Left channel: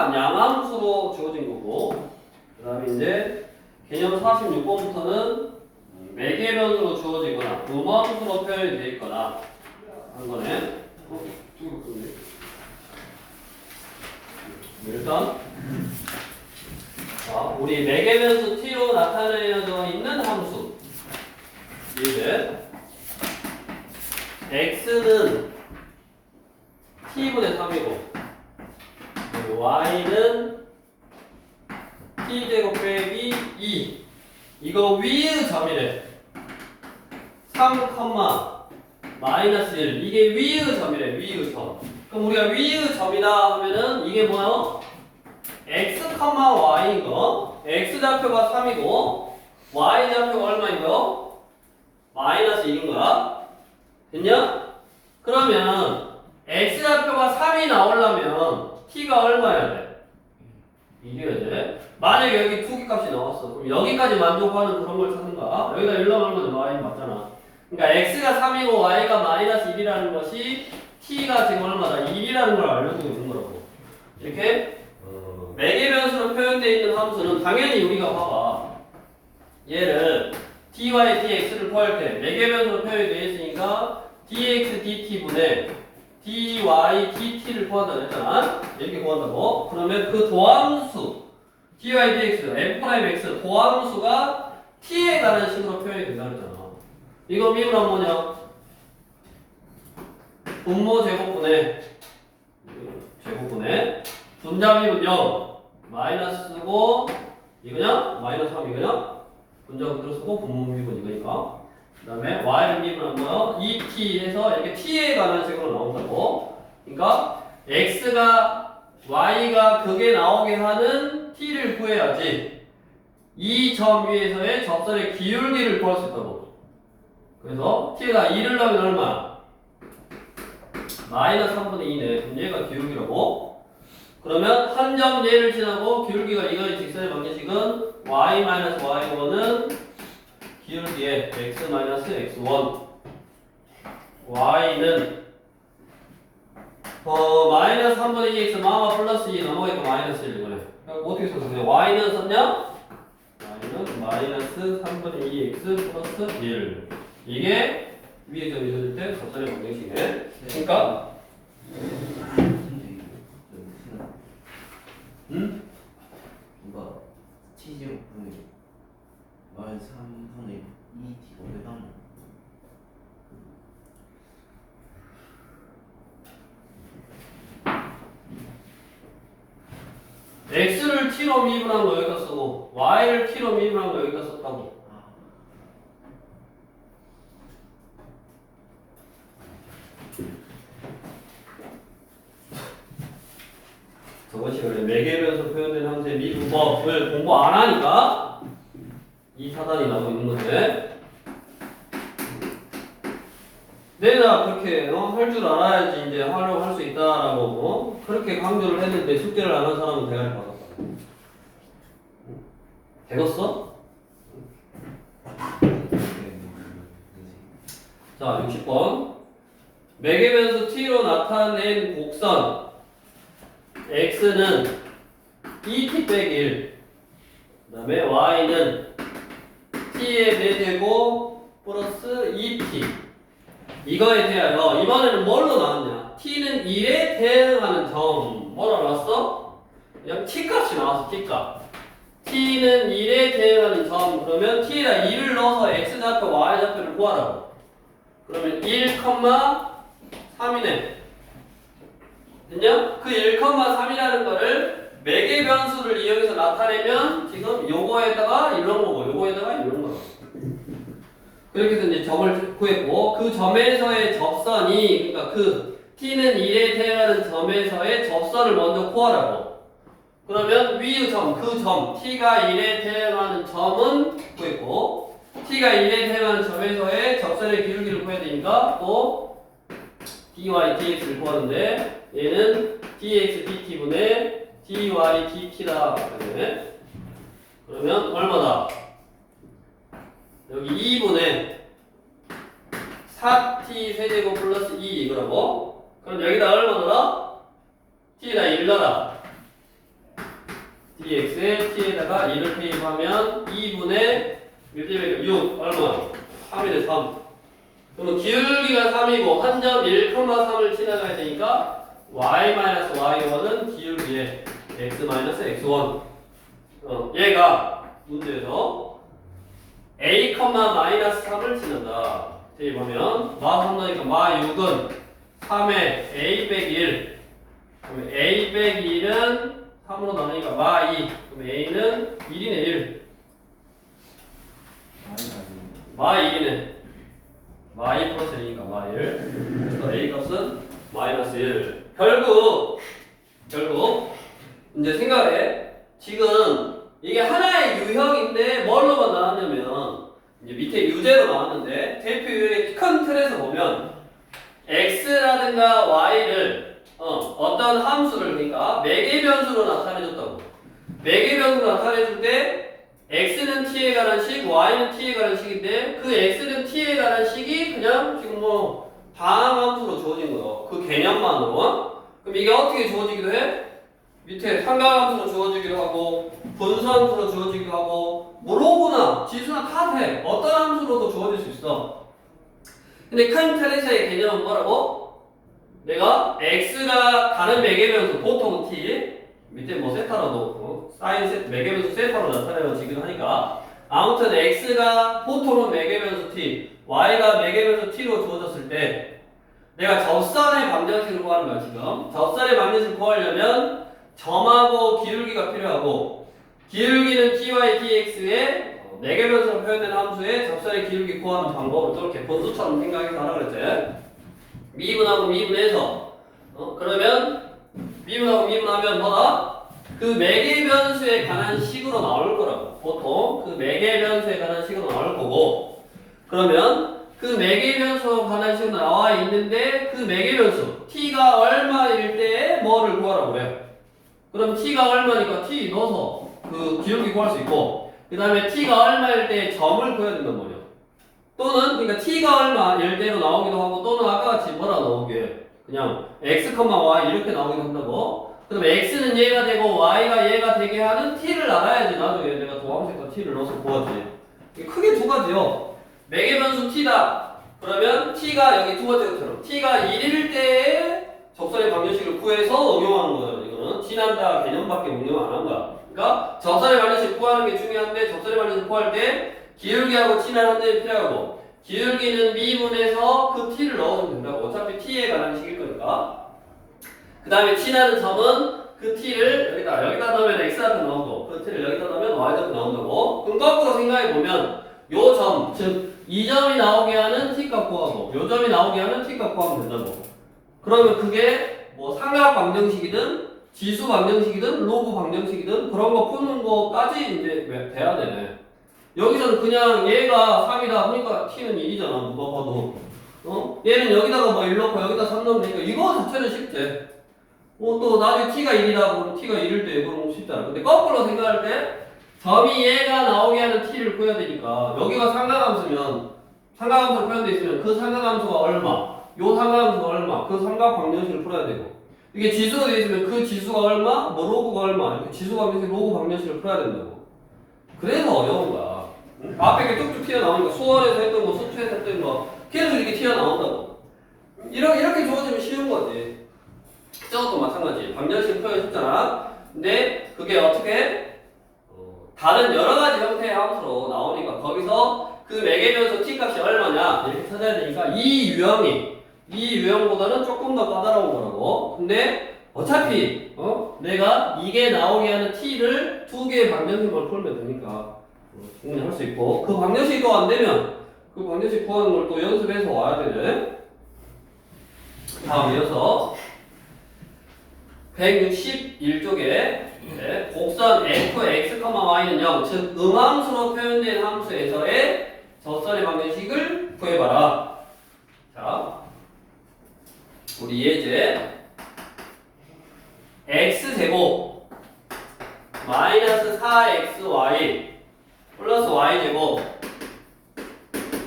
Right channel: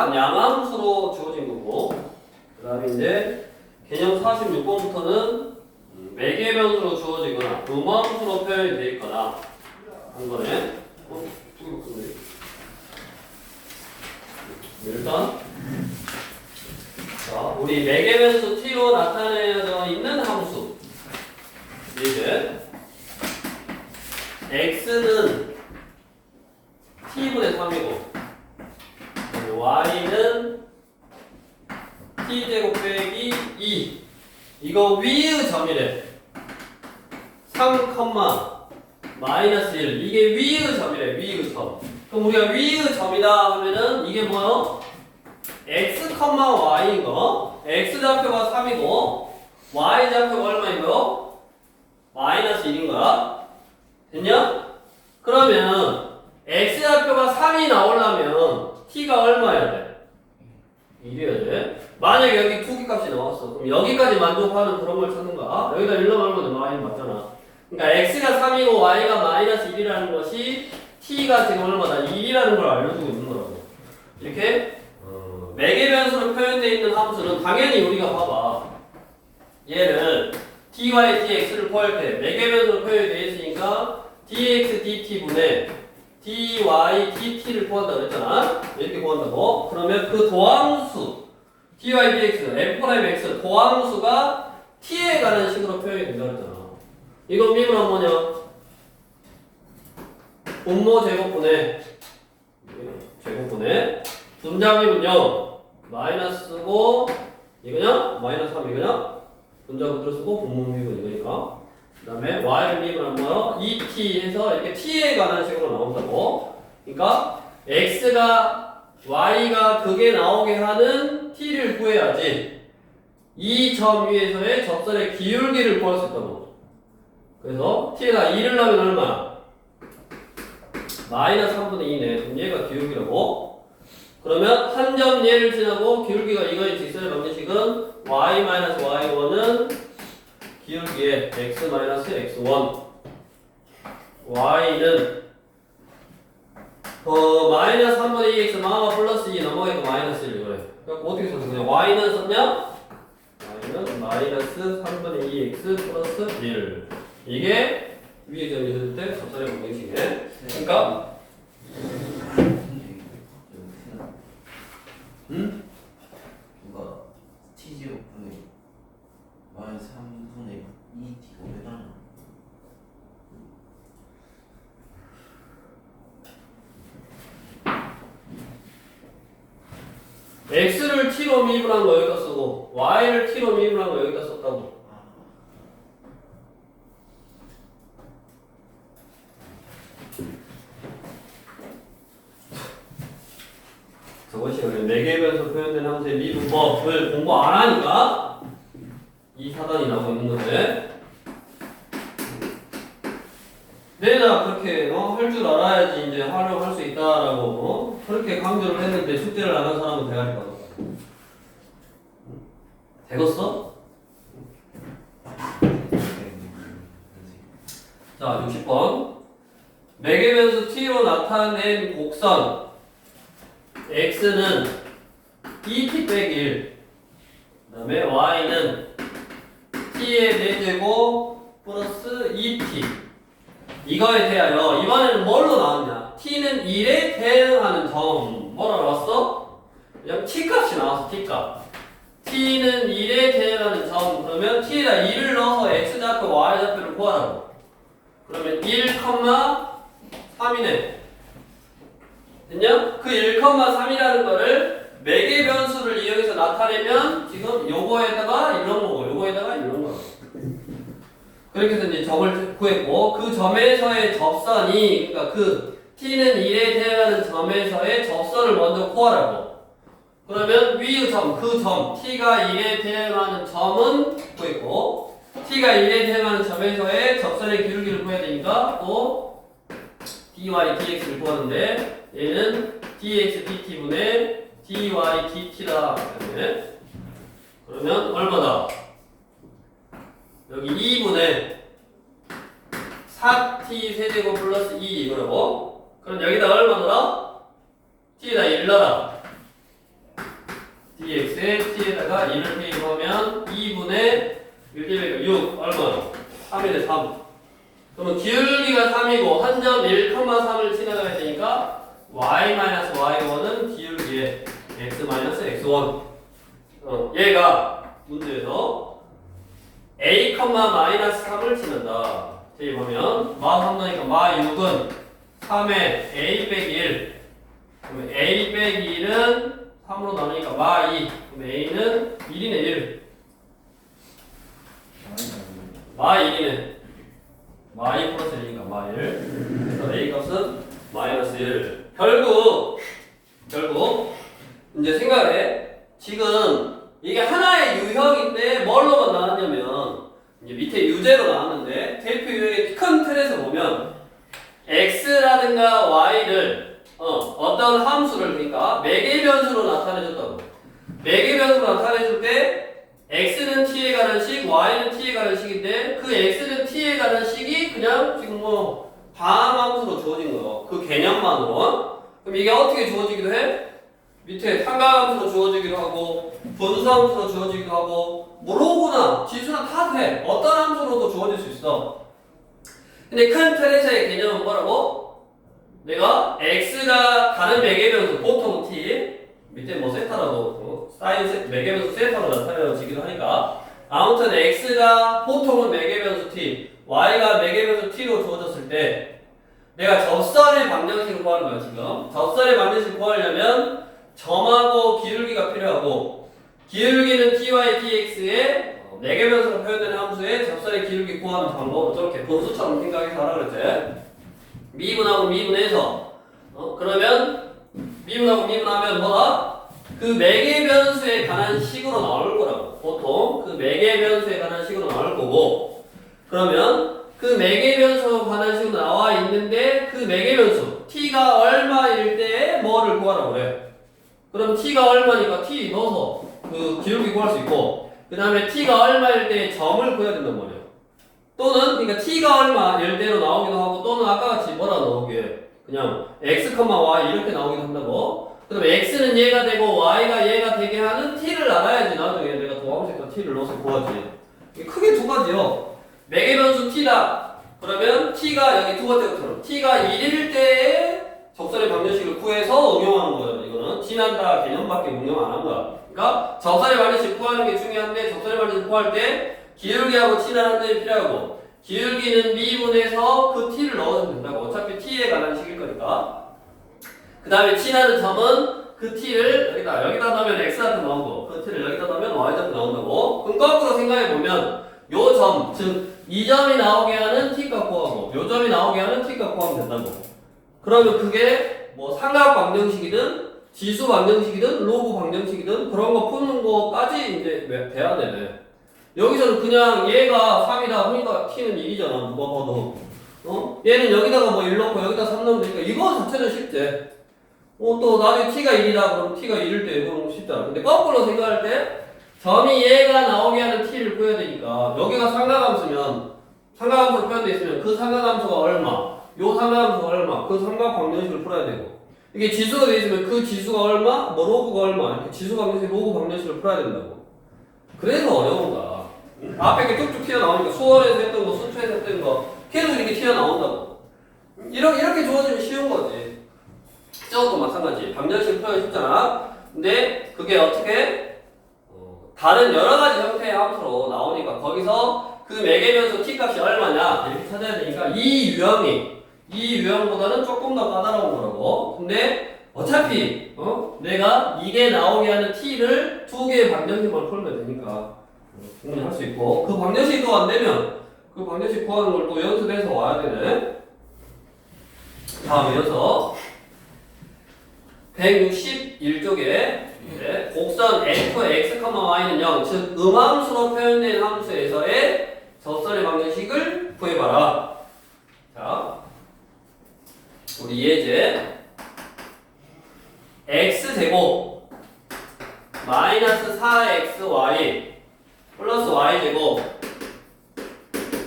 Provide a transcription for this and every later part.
t가 양함수로 주어진 거고, 그 다음에 이제 개념 46번부터는 매개 변수로 주어지거나 음함수로 표현이 되어 있거나 한 거네. 일단 자, 우리 매개 변수 t로 나타내어져 있는 함수 이제 x는 t분의 3이고 y는 t제곱 빼기 2 이거 위의 점이래. 3, 마이너스 1 이게 위의 점이래. 위의 점. 그럼 우리가 위의 점이다 하면은 이게 뭐요? x, y인 거. x 좌표가 3이고 y 좌표가 얼마이고요? 마이너스 1인 거야. 됐냐? 그러면 x 좌표가 3이 나오려면 t가 얼마여야 돼? 1이어야 돼. 만약에 여기 투기값이 나왔어. 그럼 여기까지 만족하는 그런 걸 찾는 거야. 여기다 1 넣으면 y는 맞잖아. 그러니까 x가 3이고 y가 마이너스 1이라는 것이 t가 지금 얼마다? 1이라는 걸 알려주고 있는 거라고. 이렇게 매개 변수로 표현되어 있는 함수는 당연히 우리가 봐봐. 얘를 dy, dx를 구할 때 매개 변수로 표현이 되어 있으니까 dx, dt분의 dy, dt를 구한다고 했잖아. 이렇게 구한다고. 그러면 그 도함수 dy, dx, f'(x) 도함수가 t에 가는 식으로 표현이 된다 그랬잖아. 이거 미분하면 뭐냐? 분모 제곱분의 분자 미분 0 마이너스고 이거냐? 마이너스 3 이거냐? 분자 그대로 쓰고 분모 미분 이거니까. 그 다음에 y를 미분하면 뭐야? 2t 해서 이렇게 t에 관한 식으로 나온다고. 그러니까 x가 y가 그게 나오게 하는 t를 구해야지 이 점 위에서의 접선의 기울기를 구할 수 있다고. 그래서 t에다 2를 넣으면 얼마? 마이너스 3분의 2네. 그럼 얘가 기울기라고. 그러면 한 점 얘를 지나고 기울기가 이거의 직선의 방정식은 y-y1은 기울기에 x-x1 y는 마이너스 3분의 2x 마마 플러스 2 넘어가니까 마이너스 1 이거네. 그러니까 어떻게 썼어? 그냥 y는 썼냐? y는 마이너스 3분의 2x 플러스 1 이게 위에 점이 있을 때 접선의 방정식이네. 그러니까 누가 t제곱분의 마이너스 3분의 2t가 왜 나나? x를 t로 미분한 거 여기다 쓰고 y를 t로 미분한 거 여기다 썼다고. 저번 시간에 매개 변수 표현된 함수의 미분법을 공부 안 하니까 이 사단이 나오고 있는 건데 내가 그렇게 할 줄 알아야지 이제 활용할 수 있다라고 그렇게 강조를 했는데 숙제를 안 한 사람은 대가리 받았다. 되겠어? 자 60번 매개 변수 t로 나타낸 곡선 x는 2t 빼기 1 그 다음에 y는 t의 4제곱 플러스 2t 이거에 대하여 이번에는 뭘로 나왔냐? t는 1에 대응하는 점 뭐라 나왔어? 그냥 t값이 나왔어. t값 t는 1에 대응하는 점 그러면 t에다 1을 넣어서 x좌표 y좌표를 구하라고. 그러면 1, 3이네. 됐냐? 그 1,3이라는 거를 매개 변수를 이용해서 나타내면 지금 요거에다가 이런 거고 요거에다가 이런 거고 그렇게 해서 이제 점을 구했고 그 점에서의 접선이 그러니까 그 t는 1에 대응하는 점에서의 접선을 먼저 구하라고. 그러면 위의 점, 그 점 t가 1에 대응하는 점은 구했고 t가 1에 대응하는 점에서의 접선의 기울기를 구해야 되니까 또 dy, dx를 구하는데 얘는 dx, dt분의 dy, dt다. 그러면 얼마다? 여기 2분의 4t 세제곱 플러스 2 이거라고. 그럼 여기다 얼마 넣어? t에다 1 넣어라. dx에 t에다가 2를 대입하면 2분의 1 6 얼마? 3이 돼 3. 그러면 기울기가 3이고 한 점 1,3을 지나가야 되니까 y-y1은 기울기에 x-x1. 얘가 문제에서 a, -3을 지난다. 대입하면 마3넣으니까 마6은 3에 a 빼기 1. 그러면 a 빼기 1은 3으로 나오니까 마2. 그럼 a는 1이네 1. 마1이네. 마2 플러스 1이니까 마1. 그래서 a 값은 마이너스 1. 결국 이제 생각해. 지금 이게 하나의 유형인데 뭘로만 나왔냐면 이제 밑에 유제로 나왔는데 대표 유형의 큰 틀에서 보면 x라든가 y를 어떤 함수를 그러니까 매개 변수로 나타내줬다고. 매개 변수로 나타내줄 때 x는 t에 관한 식, y는 t에 관한 식인데 그 x는 t에 관한 식이 그냥 지금 뭐 다음 함수로 주어진 거예요. 그 개념만으로. 그럼 이게 어떻게 주어지기도 해? 밑에 삼각함수로 주어지기도 하고 분수함수로 주어지기도 하고 뭐 로그나 지수나 다 돼. 어떤 함수로도 주어질 수 있어. 근데 큰 틀에서의 개념은 뭐라고? 내가 x가 다른 매개변수 보통 t 밑에 뭐 세타라고 사인 세타 매개변수 세타로 나타내지기도 하니까 아무튼 x가 보통은 매개변수 t y가 매개변수 t로 주어졌을 때 내가 접선의 방정식을 구하는 거야 지금. 접선의 방정식을 구하려면 점하고 기울기가 필요하고 기울기는 ty dx에 매개변수로 표현되는 함수의 접선의 기울기 구하는 방법은 저렇게 분수처럼 생각해서 하라 그랬지. 미분하고 미분해서 그러면 미분하고 미분하면 뭐다? 그 매개변수에 관한 식으로 나올 거라고. 보통 그 매개변수에 관한 식으로 나올 거고 그러면 그 매개변수에 관한 식으로 나와 있는데 그 매개변수 t가 얼마일 때 뭐를 구하라고 그래. 그럼 t가 얼마니까 t 넣어서 그 기울기 구할 수 있고 그 다음에 t가 얼마일 때 점을 구해야 된단 말이야. 또는 그러니까 t가 얼마일 때로 나오기도 하고 또는 아까 같이 뭐라 나오게 그냥 x, y 이렇게 나오기도 한다고. 그럼 x는 얘가 되고 y가 얘가 되게 하는 t를 알아야지 나중에 내가 도함색과 t를 넣어서 구하지. 이게 크게 두 가지요. 매개변수 t다. 그러면 t가 여기 두 번째 것처럼 t가 1일 때에 접선의 방정식을 구해서 응용하는 거잖아. 이거는 지난다 개념밖에 응용 안 한 거야. 그러니까 접선의 방정식 구하는 게 중요한데 접선의 방정식 구할 때 기울기하고 t라는 점이 필요하고 기울기는 미분해서 그 t를 넣어주면 된다고. 어차피 t에 관한 식일 거니까. 그 다음에 t라는 점은 그 t를 여기다 넣으면 x한테 나오고 그 t를 여기다 넣으면 y한테 나온다고. 그럼 거꾸로 생각해보면 요 점, 즉 이 점이 나오게 하는 t값 구하고 요 점이 나오게 하는 t값 구하면 된다고. 그러면 그게 뭐 삼각 방정식이든 지수 방정식이든 로그 방정식이든 그런 거 푸는 거까지 이제 돼야 되네. 여기서는 그냥 얘가 3이다 하니까 t는 1이잖아. 누가 봐도. 얘는 여기다가 뭐 1 넣고 여기다 3 넣으면 되니까 이거 자체는 쉽지. 또 나중에 t가 1이다 그러면 t가 1일 때 그러면 쉽잖아. 근데 거꾸로 생각할 때 점이 얘가 나오게 하는 t를 구해야 되니까 여기가 삼각함수면 삼각함수로 표현되어 있으면 그 삼각함수가 얼마 요 삼각함수가 얼마 그 삼각 방정식을 풀어야 되고 이게 지수가 되어 있으면 그 지수가 얼마 뭐 로그가 얼마 이렇게 지수 방정식 로그 방정식을 풀어야 된다고. 그래서 어려운 거야. 앞에 이렇게 뚝뚝 튀어나오니까 수원에서 했던 거 순천에서 했던 거 계속 이렇게 튀어나온다고. 이렇게 주어지면 쉬운 거지. 저것도 마찬가지. 방정식 표현 쉽잖아. 근데 그게 어떻게 다른 여러 가지 형태의 함수로 나오니까 거기서 그 매개변수 t 값이 얼마냐 이렇게 찾아야 되니까 이 유형보다는 조금 더 까다로운 거라고. 근데 어차피 내가 이게 나오게 하는 t를 두 개의 방정식만 풀면 되니까 충분히 할 수 있고 그 방정식도 안 되면 그 방정식 구하는 걸 또 연습해서 와야 되네. 다음 이어서 161쪽에 곡선 f, x, y는 0, 즉 음함수로 표현된 함수에서의 접선의 방정식을 구해봐라. 자, 우리 예제 x제곱 마이너스 4xy 플러스 y제곱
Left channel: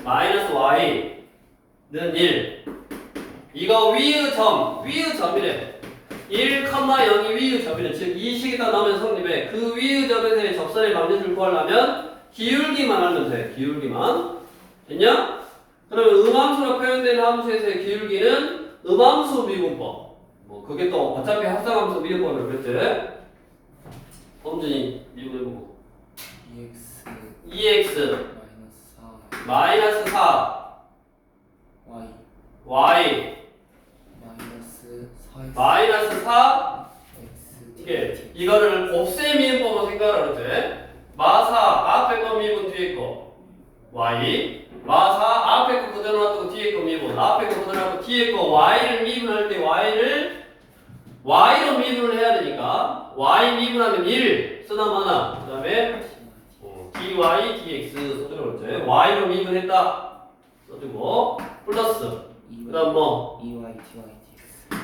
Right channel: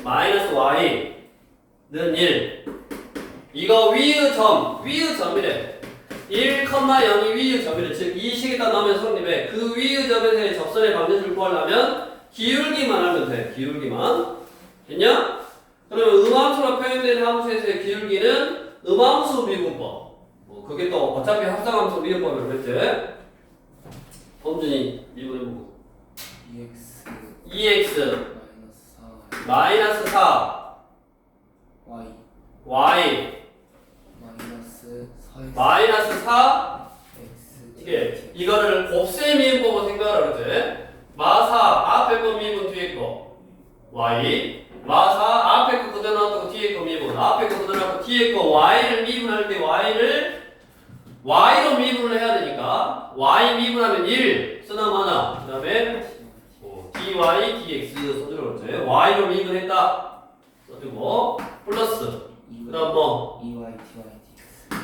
마이너스 y는 1. 이거 위의 점이래. 1,0이 위의 점이래. 즉 이 식이 딱 나오면 성립해. 그 위의 점에서의 접선의 방정식을 구하려면 기울기만 하면 돼. 기울기만. 됐냐? 그러면 음함수로 표현되는 함수에서의 기울기는 음함수 미분법. 뭐 그게 또 어차피 합성함수 미분법이라고 그랬지? 범준이 미분해보고. EX 2x 마이너스 4 Y y 마이너스 4X 마이너스 4 X 이게 이거를 곱셈 미분법으로 생각하라 그랬지? 마사 앞에 거 미분 뒤에 거 y 마사 앞에 거 그대로 놔두고 뒤에 거 미분 앞에 거 그대로 놔두고 뒤에 거 y를 미분할 때 y로 미분을 해야 되니까 y 미분하면 1 쓰나 마나 그 다음에 dy dx 써주라고 그랬지? y로 미분했다 써주고 플러스 그 다음 뭐 EY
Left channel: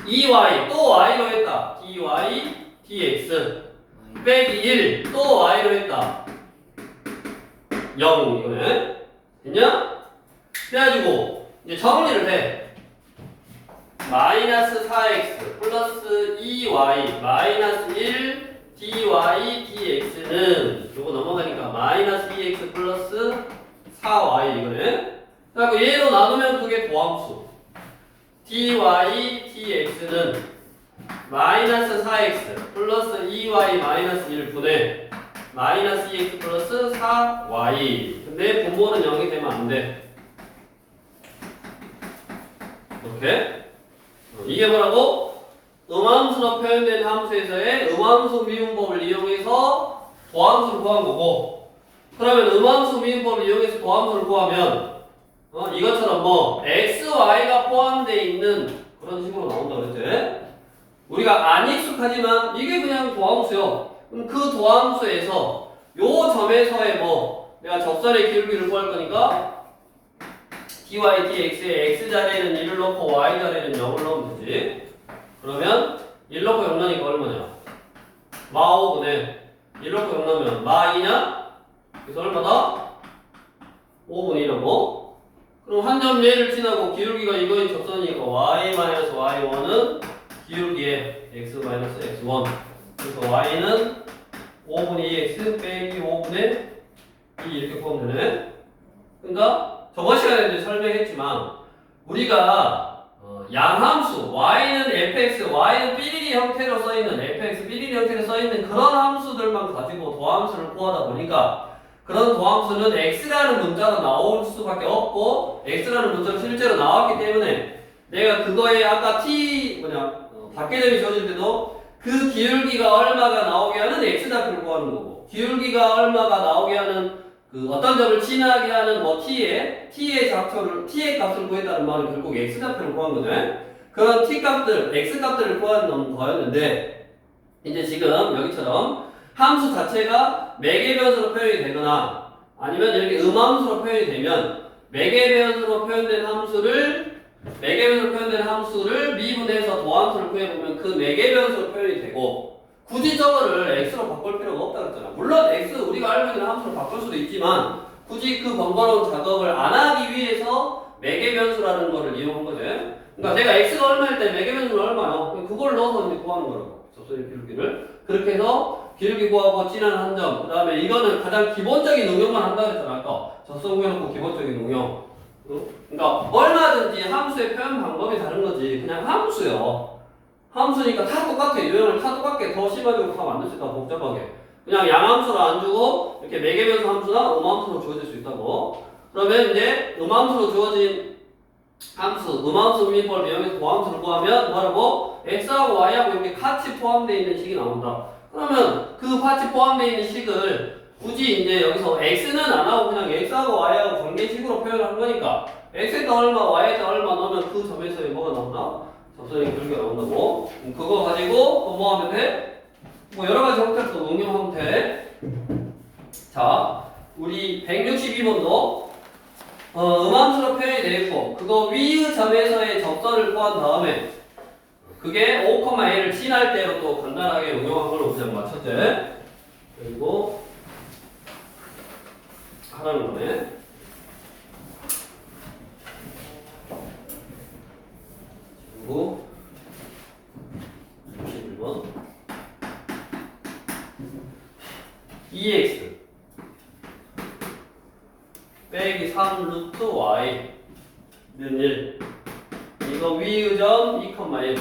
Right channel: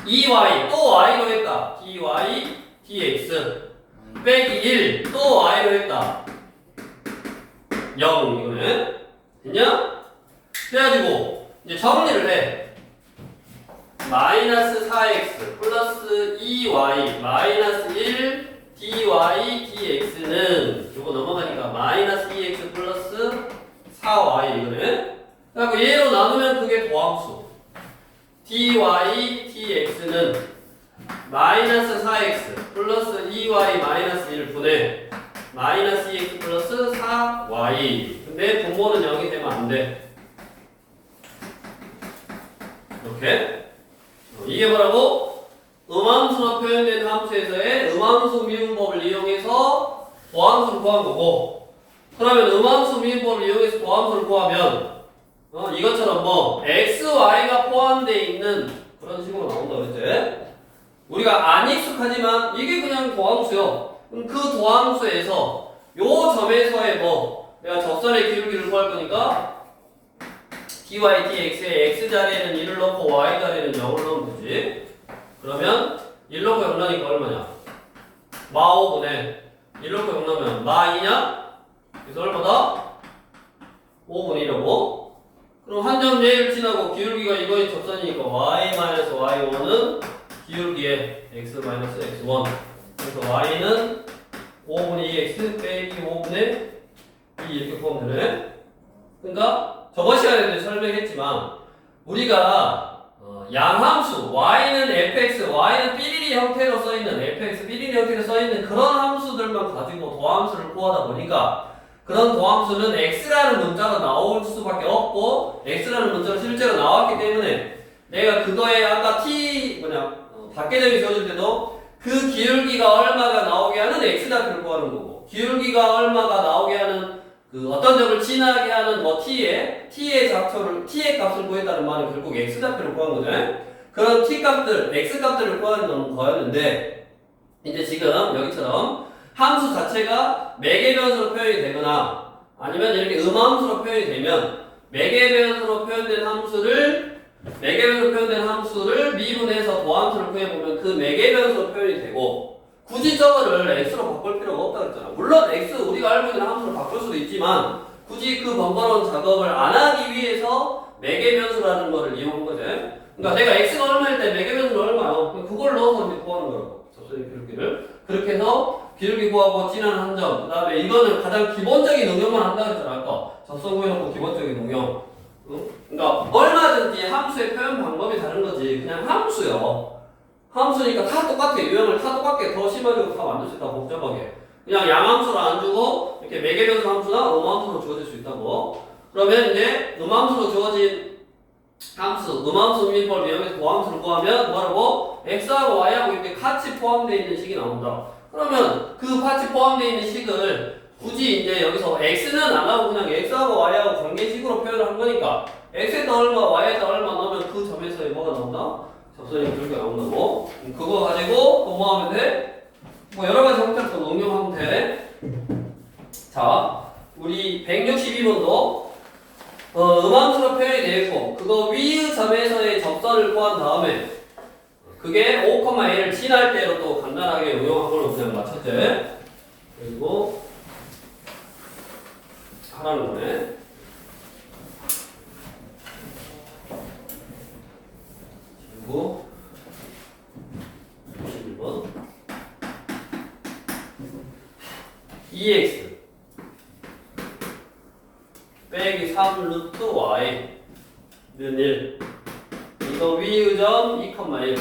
DY DX 2y 또 y로 했다 dy dx 빼기 1 또 y로 했다 0 이거네 됐냐? 그래가지고 이제 정리를 해 마이너스 4x 플러스 2y 마이너스 1 dy dx는 요거 넘어가니까 마이너스 2x 플러스 4y 이거네 그래갖고 얘로 나누면 그게 도함수 dy dx는 마이너스 4x 플러스 2y 마이너스 1분의 마이너스 2x 플러스 4y 근데 분모는 0이 되면 안돼 이렇게 이게 뭐라고? 음함수로 표현된 함수에서의 음함수 미분법을 이용해서 도함수를 구한 거고 그러면 음함수 미분법을 이용해서 도함수를 구하면 이것처럼 뭐 x, y가 포함되어 있는 그런 식으로 나온다 그랬지? 우리가 안 익숙하지만 이게 그냥 도함수요. 그럼 그 도함수에서 요 점에서의 뭐 내가 접선의 기울기를 구할 거니까 dy dx의 x자리에는 1을 넣고 y자리에는 0을 넣으면 되지. 그러면 1 넣고 0 넣으니까 얼마냐? 마 5분의 1 넣고 0 넣으면 마 2냐? 그래서 얼마다? 5분의 1하고 그럼 한 점 얘를 지나고 기울기가 이거의 접선이니까 y-y1은 기울기의 x-x1 그래서 y는 5분의 2x 빼기 5분의 2 이렇게 구하면 되네 그러니까 저번 시간에 이제 설명했지만 우리가 양함수 y는 fx, y는 삐리리 형태로 써있는 fx, 삐리리 형태로 써있는 그런 함수들만 가지고 도함수를 구하다 보니까 그런 도함수는 x라는 문자로 나올 수밖에 없고 x라는 문자로 실제로 나왔기 때문에 내가 그거에 아까 t 밖에점이 지어줄 때도 그 기울기가 얼마가 나오게 하는 x좌표를 구하는 거고 기울기가 얼마가 나오게 하는 그 어떤 점을 지나게 하는 뭐 t의 값을 구했다는 말은 결국 x좌표를 구한 거죠. 그런 t 값들, x 값들을 구하는 거였는데 이제 지금 여기처럼 함수 자체가 매개변수로 표현이 되거나 아니면 이렇게 음함수로 표현이 되면 매개변수로 표현된 함수를 미분해서 도함수를 구해보면 그 매개변수로 표현이 되고 굳이 저거를 x로 바꿀 필요가 없다 그랬잖아. 물론 x 우리가 알고 있는 함수로 바꿀 수도 있지만 굳이 그 번거로운 작업을 안 하기 위해서 매개변수라는 거를 이용한 거지. 그러니까 내가 x가 얼마일 때 매개변수는 얼마요? 그걸 넣어서 이제 구하는 거라고. 접선의 기울기를. 그렇게 해서 기울기 구하고 진한 한 점. 그 다음에 이거는 가장 기본적인 응용만 한다 그랬잖아. 아까 접선 구해놓고 기본적인 응용. 그러니까 얼마든지 함수의 표현 방법이 다른 거지. 그냥 함수요. 함수니까 다 똑같아. 유형을 다 똑같게 더 심하게 다 만들 수 있다. 복잡하게. 그냥 양함수로 안 주고 이렇게 매개변수 함수나 음함수로 주어질 수 있다고. 그러면 이제 음함수로 주어진 함수, 음함수 미분법을 이용해서 도함수를 구하면 뭐라고? x하고 y하고 이렇게 같이 포함되어 있는 식이 나온다. 그러면 그 같이 포함되어 있는 식을 굳이 이제 여기서 x는 안 하고 그냥 x하고 y하고 관계식으로 표현한 거니까 x에다 얼마, y에다 얼마 넣으면 그 점에서의 뭐가 나온다? 접선의 기울기가 나온다고. 그거 가지고 또 뭐 하면 돼? 뭐 여러 가지 형태로 또 응용하면 돼. 자, 우리 162번도 음함수로 표현이 되어 있고 그거 위의 점에서의 접선을 구한 다음에 그게 5,a를 지날 때로 또 간단하게 응용한 걸로 그냥 맞췄지. 그리고 하라는 거네. 그리고 빼기 3 루트 y는 1. 이거 위의점 2,1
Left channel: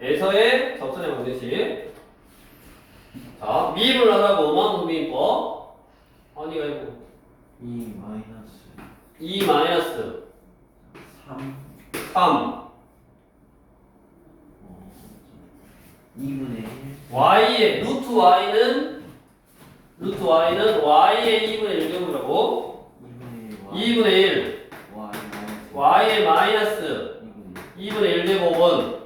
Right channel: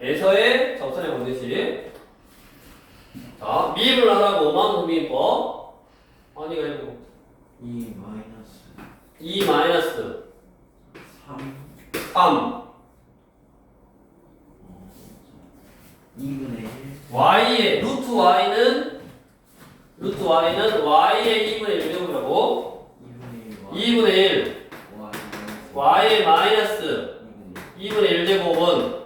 에서의 접선의 방정식. 자, 미분을 하라고 오만소비법. 아니가 이거 2 마이너스 2 마이너스 3 2분의 1 y의 루트 y는 y의 2분의 1제곱이라고 2분의 1 y의 마이너스 2분의 1제곱은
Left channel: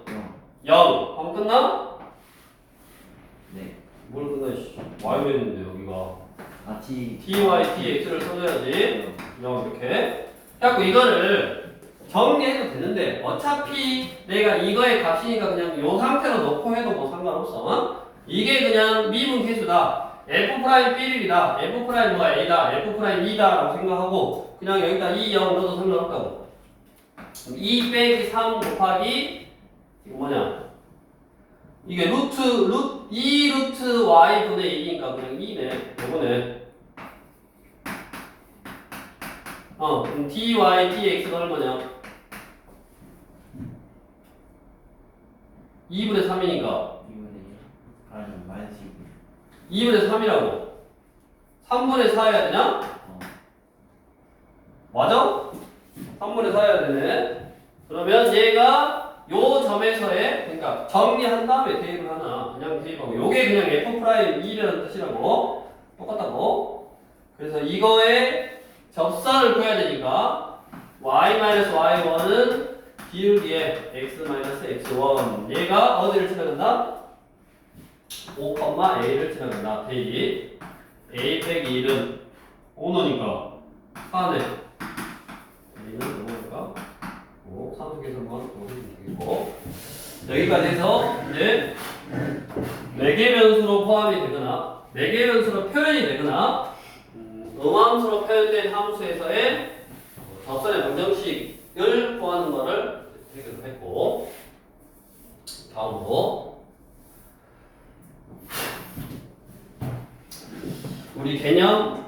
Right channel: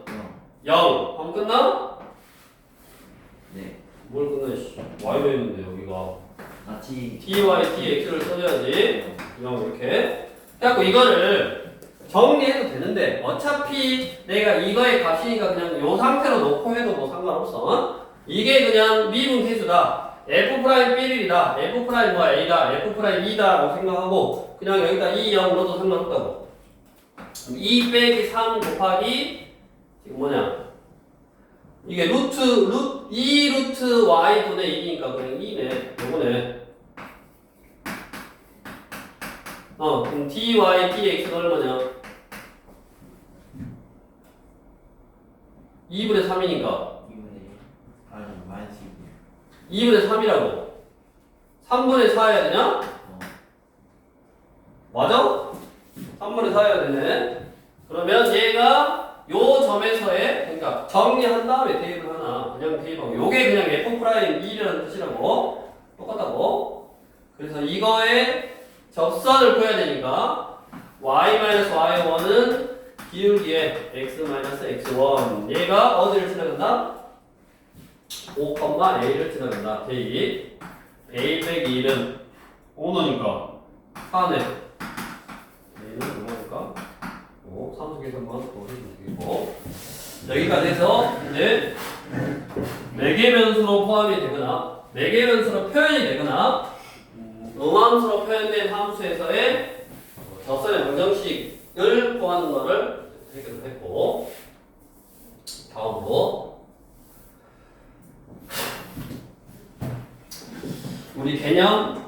0 하면 끝나? 네 뭘 끝나? y가 있는데 여기가 같이 ty, tx를 써줘야지 0 이렇게 해갖고 이거를 정리해도 되는데 어차피 내가 이거의 값이니까 그냥 이 상태로 놓고 해도 뭐 상관없어. 이게 그냥 미분 계수다. F'1이다. F' 뭐야 A다. F'2다 라고 생각하고 그냥 여기다 2, 0 넣어도 상관없다고. 2 빼기 3 곱하기 지금 뭐냐 이게 2 루트 y 분의 2니까 그냥 2네 요거네. 그럼 dy dx가 얼마냐 2분의 3이니까 2분의 1 아니 마이너스 2분의 2분의 3이라고 3분의 4 해야 되냐? 맞아? 3분의 4 해야 되네. 그러면 얘가 요 점에서의 그러니까 정리한 다음에 대입을 하나 그냥 대입하고 요게 그냥 F'2라는 뜻이라고 똑같다고. 그래서 이거의 접선을 구해야 되니까 y-y1은 기울기에 x-x1 얘가 어디를 지나간다? 5,a를 지나간다. 대입 a 빼기 1은 5너니까 4네. a는 얼마니까? 5 3계산만 또 해주면 되겠고 여기까지 해서 이제 4개 변수로 포함이 되거나 4개 변수로 표현이 되거나 음함수로 표현된 함수에서의 접선의 방정식을 구하는 거를 해결을 했고 다음으로 우리 개념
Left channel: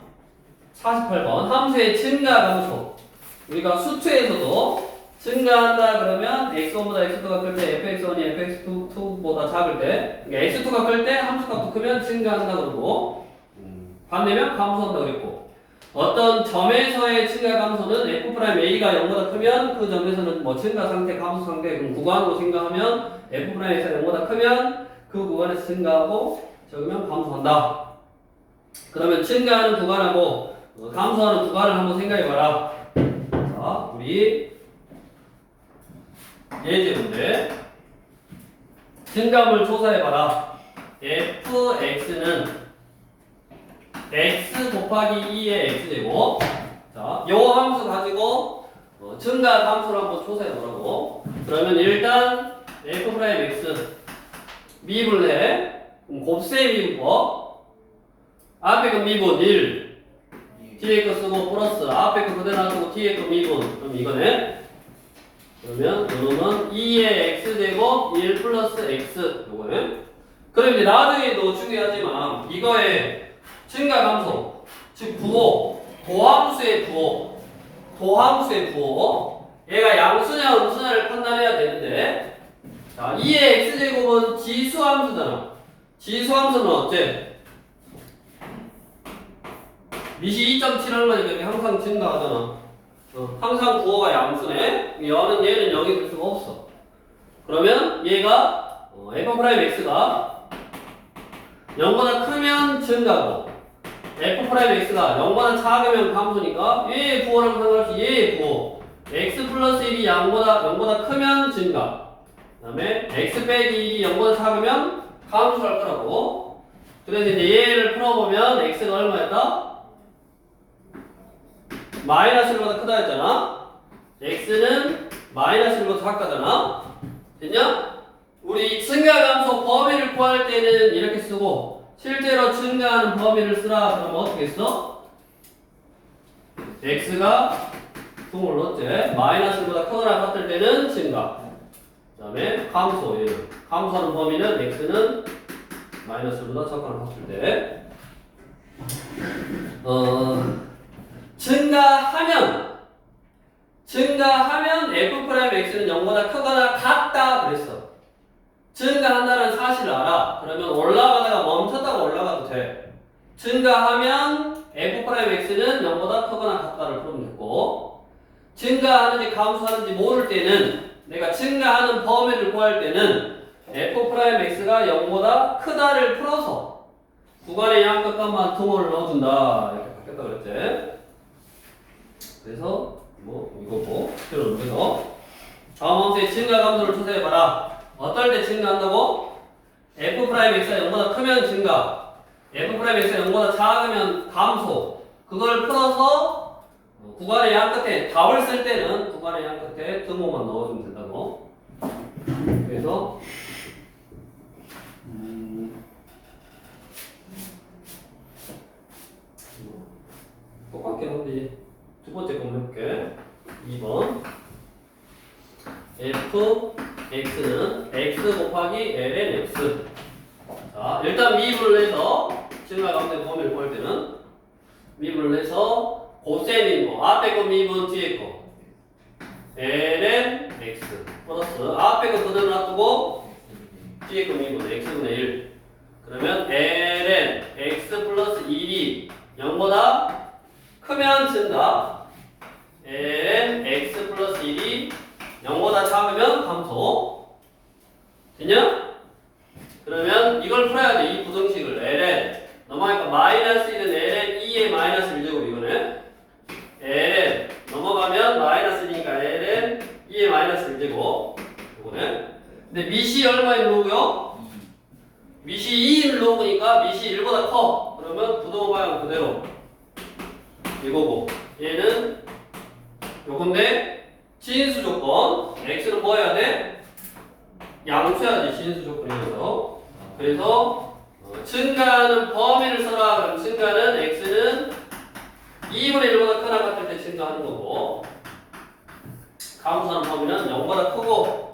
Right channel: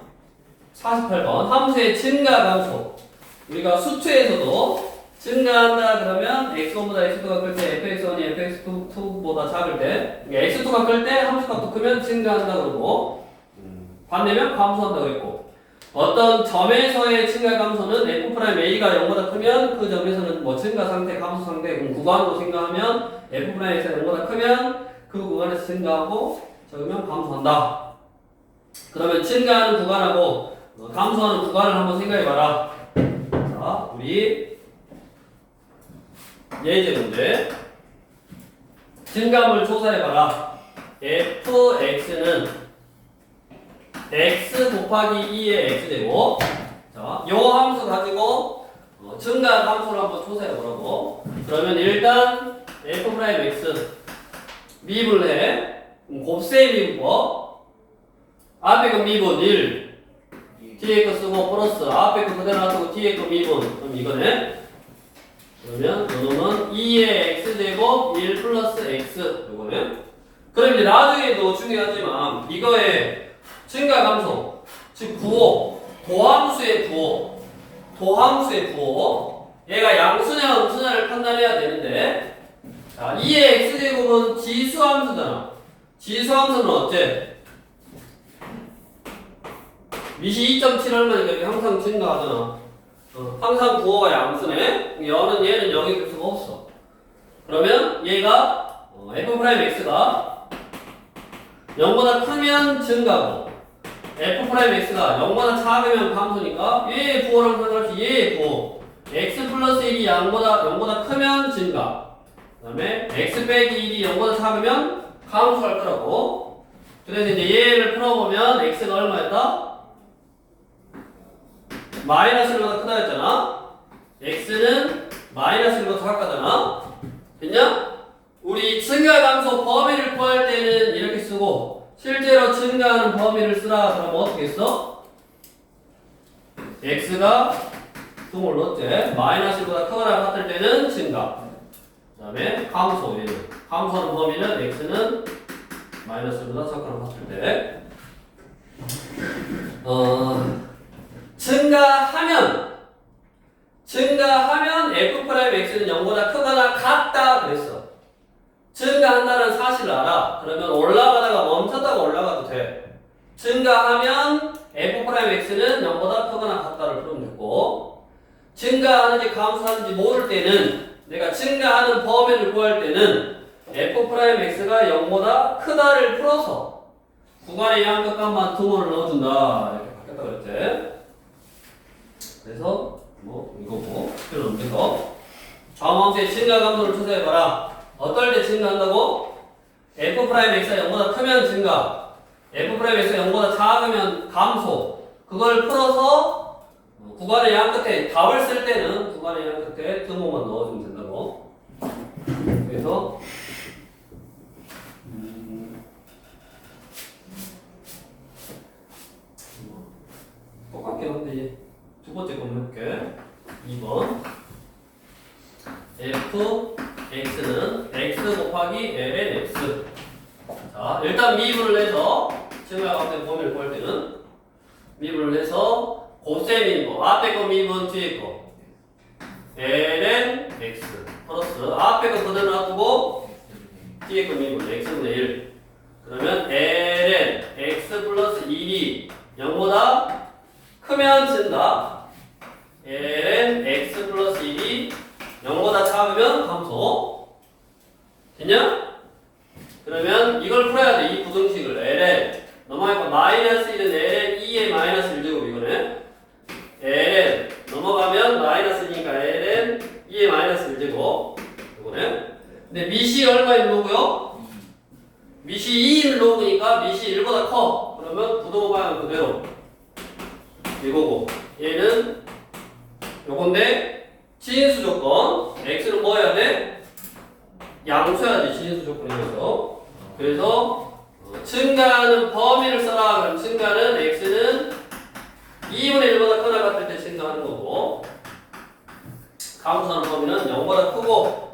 48번 함수의 증가 감소. 우리가 수투에서도 증가한다 그러면 x1보다 x2가 클 때 fx1이 fx2보다 작을 때 그러니까 x2가 클 때 함수값도 크면 증가한다 그러고 반대면 감소한다 그랬고 어떤 점에서의 증가 감소는 f'a가 0보다 크면 그 점에서는 뭐 증가 상태, 감소 상태 구간으로 생각하면 f'가 0보다 크면 그 구간에서 증가하고 적으면 감소한다. 그러면 증가하는 구간하고 감소하는 구간을 한번 생각해봐라. 자, 우리 예제 문제 증감을 조사해봐라. fx는 x 곱하기 2의 x제곱. 자, 요 함수 가지고 증가 함수를 한번 조사해보라고. 그러면 일단 f'x 미분을 해. 곱셈 미분법. 앞에 거 미분 1 뒤에 거 쓰고 플러스 앞에 거 그대로 놔두고 뒤에 거 미분. 그럼 이거네. 그러면 요거는 2의 x제곱 1 플러스 x 요거네. 그럼 이제 나중에도 중요하지만 이거의 증가 감소 즉 부호 도함수의 부호 얘가 양수냐 음수냐를 판단해야 되는데 자 2의 x제곱은 지수함수잖아. 지수함수는 어째? 미시 2.7 얼마니까 항상 증가하잖아. 항상 부호가 양수네. 얘는 0이 될 수가 없어. 그러면 얘가 f'x가 0보다 크면 증가하고 f'x가 0보다 작으면 감소니까 얘의 부호랑 상관없이 얘의 부호 x 플러스 1이 0보다 크면 증가. 그 다음에 x 빼기 1이 0보다 작으면 감소할 거라고. 그래서 이제 얘를 풀어보면 x가 얼마였다? 마이너스 1보다 크다 했잖아. x는 마이너스 1보다 작다잖아. 됐냐? 우리 증가 감소 범위를 구할 때는 이렇게 쓰고 실제로 증가하는 범위를 쓰라 그러면 어떻게 써? x가 분모를 넣었지. 마이너스 1보다 크거나 같을 때는 증가. 그 다음에 감소 얘는 감소하는 범위는 x는 마이너스 1보다 작거나 같을 때 증가 증가하면 f'x는 0보다 크거나 같다 그랬어. 증가한다는 사실을 알아. 그러면 올라가다가 멈췄다가 올라가도 돼. 증가하면 f'x는 0보다 크거나 같다를 풀면 되고, 증가하는지 감소하는지 모를 때는 내가 증가하는 범위를 구할 때는 f'x가 0보다 크다를 풀어서 구간의 양극값만 등호를 넣어준다 이렇게 바뀌었다 그랬지. 그래서 뭐 이거고 필요는 돼서 좌우함수의 증가 감소를 추세해봐라. 어떨 때 증가한다고? f'x가 0보다 크면 증가, f'x가 0보다 작으면 감소. 그걸 풀어서 구간의 양 끝에 답을 쓸 때는 구간의 양 끝에 등호만 넣어주면 된다고. 그래서 똑같긴 한데 두 번째 거 해볼게. 2번 fx는 x 곱하기 ln x. 자, 일단 미분을 해서 증가 가운데 범위를 구할 때는 미분을 해서 고셈인 거 앞에 거 미분 뒤에 거 ln x 플러스 앞에 거 그대로 놔두고 뒤에 거 미분 x분의 1. 그러면 ln x 플러스 1이 0보다 크면 증가, ln x 플러스 1이 0보다 작으면 감소. 됐냐? 그러면 이걸 풀어야 돼. 이 부등식을 ln 넘어가니까 마이너스 1은 ln 2의 마이너스 1제곱 이거네. ln 넘어가면 마이너스 1이니까 ln 2의 마이너스 1제곱 이거네. 근데 미시 얼마인 로고요? 미시 2인 로그니까 미시 1보다 커. 그러면 부등호 방향 그대로 이거고, 얘는 요건데 진수 조건 x는 뭐 해야 돼? 양수해야지. 진수 조건이어서. 그래서 증가하는 범위를 써라. 그럼 증가는 x는 2분의 1보다 크거나 같을 때 증가하는 거고, 감소하는 범위는 0보다 크고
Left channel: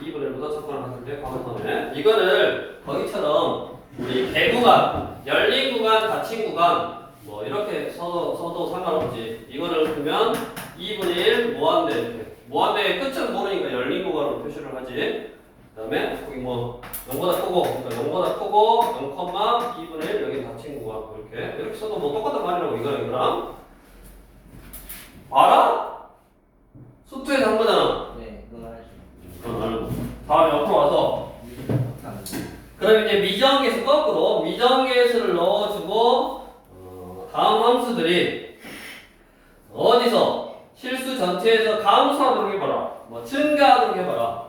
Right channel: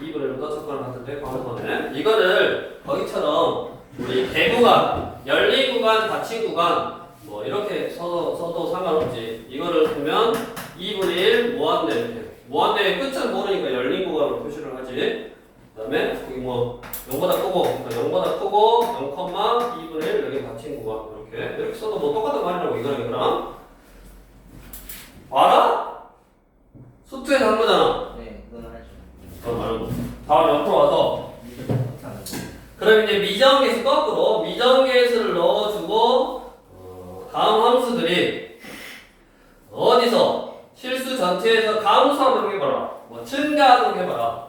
2분의 1보다 작거나 같을 때 감소하네. 이거를 거기처럼 우리 개구간, 열린 구간, 닫힌 구간 뭐 이렇게 써도 상관없지. 이거를 보면 2분의 1 무한대 이렇게. 무한대의 끝을 모르니까 열린 구간으로 표시를 하지. 그 다음에 거기 뭐 0보다 크고, 그러니까 0보다 크고 0,2분의 1 여기 닫힌 구간 이렇게 써도 뭐 똑같은 말이라고 이거랑 알아? 수투에서 한 거잖아. 네, 그건 알죠. 그건 알고. 다음에 옆으로 와서 그럼 이제 미정계수 거꾸로 미정계수를 넣어주고 다음 함수들이 어디서 실수 전체에서 감소하도록 해봐라. 뭐 증가하도록 해봐라.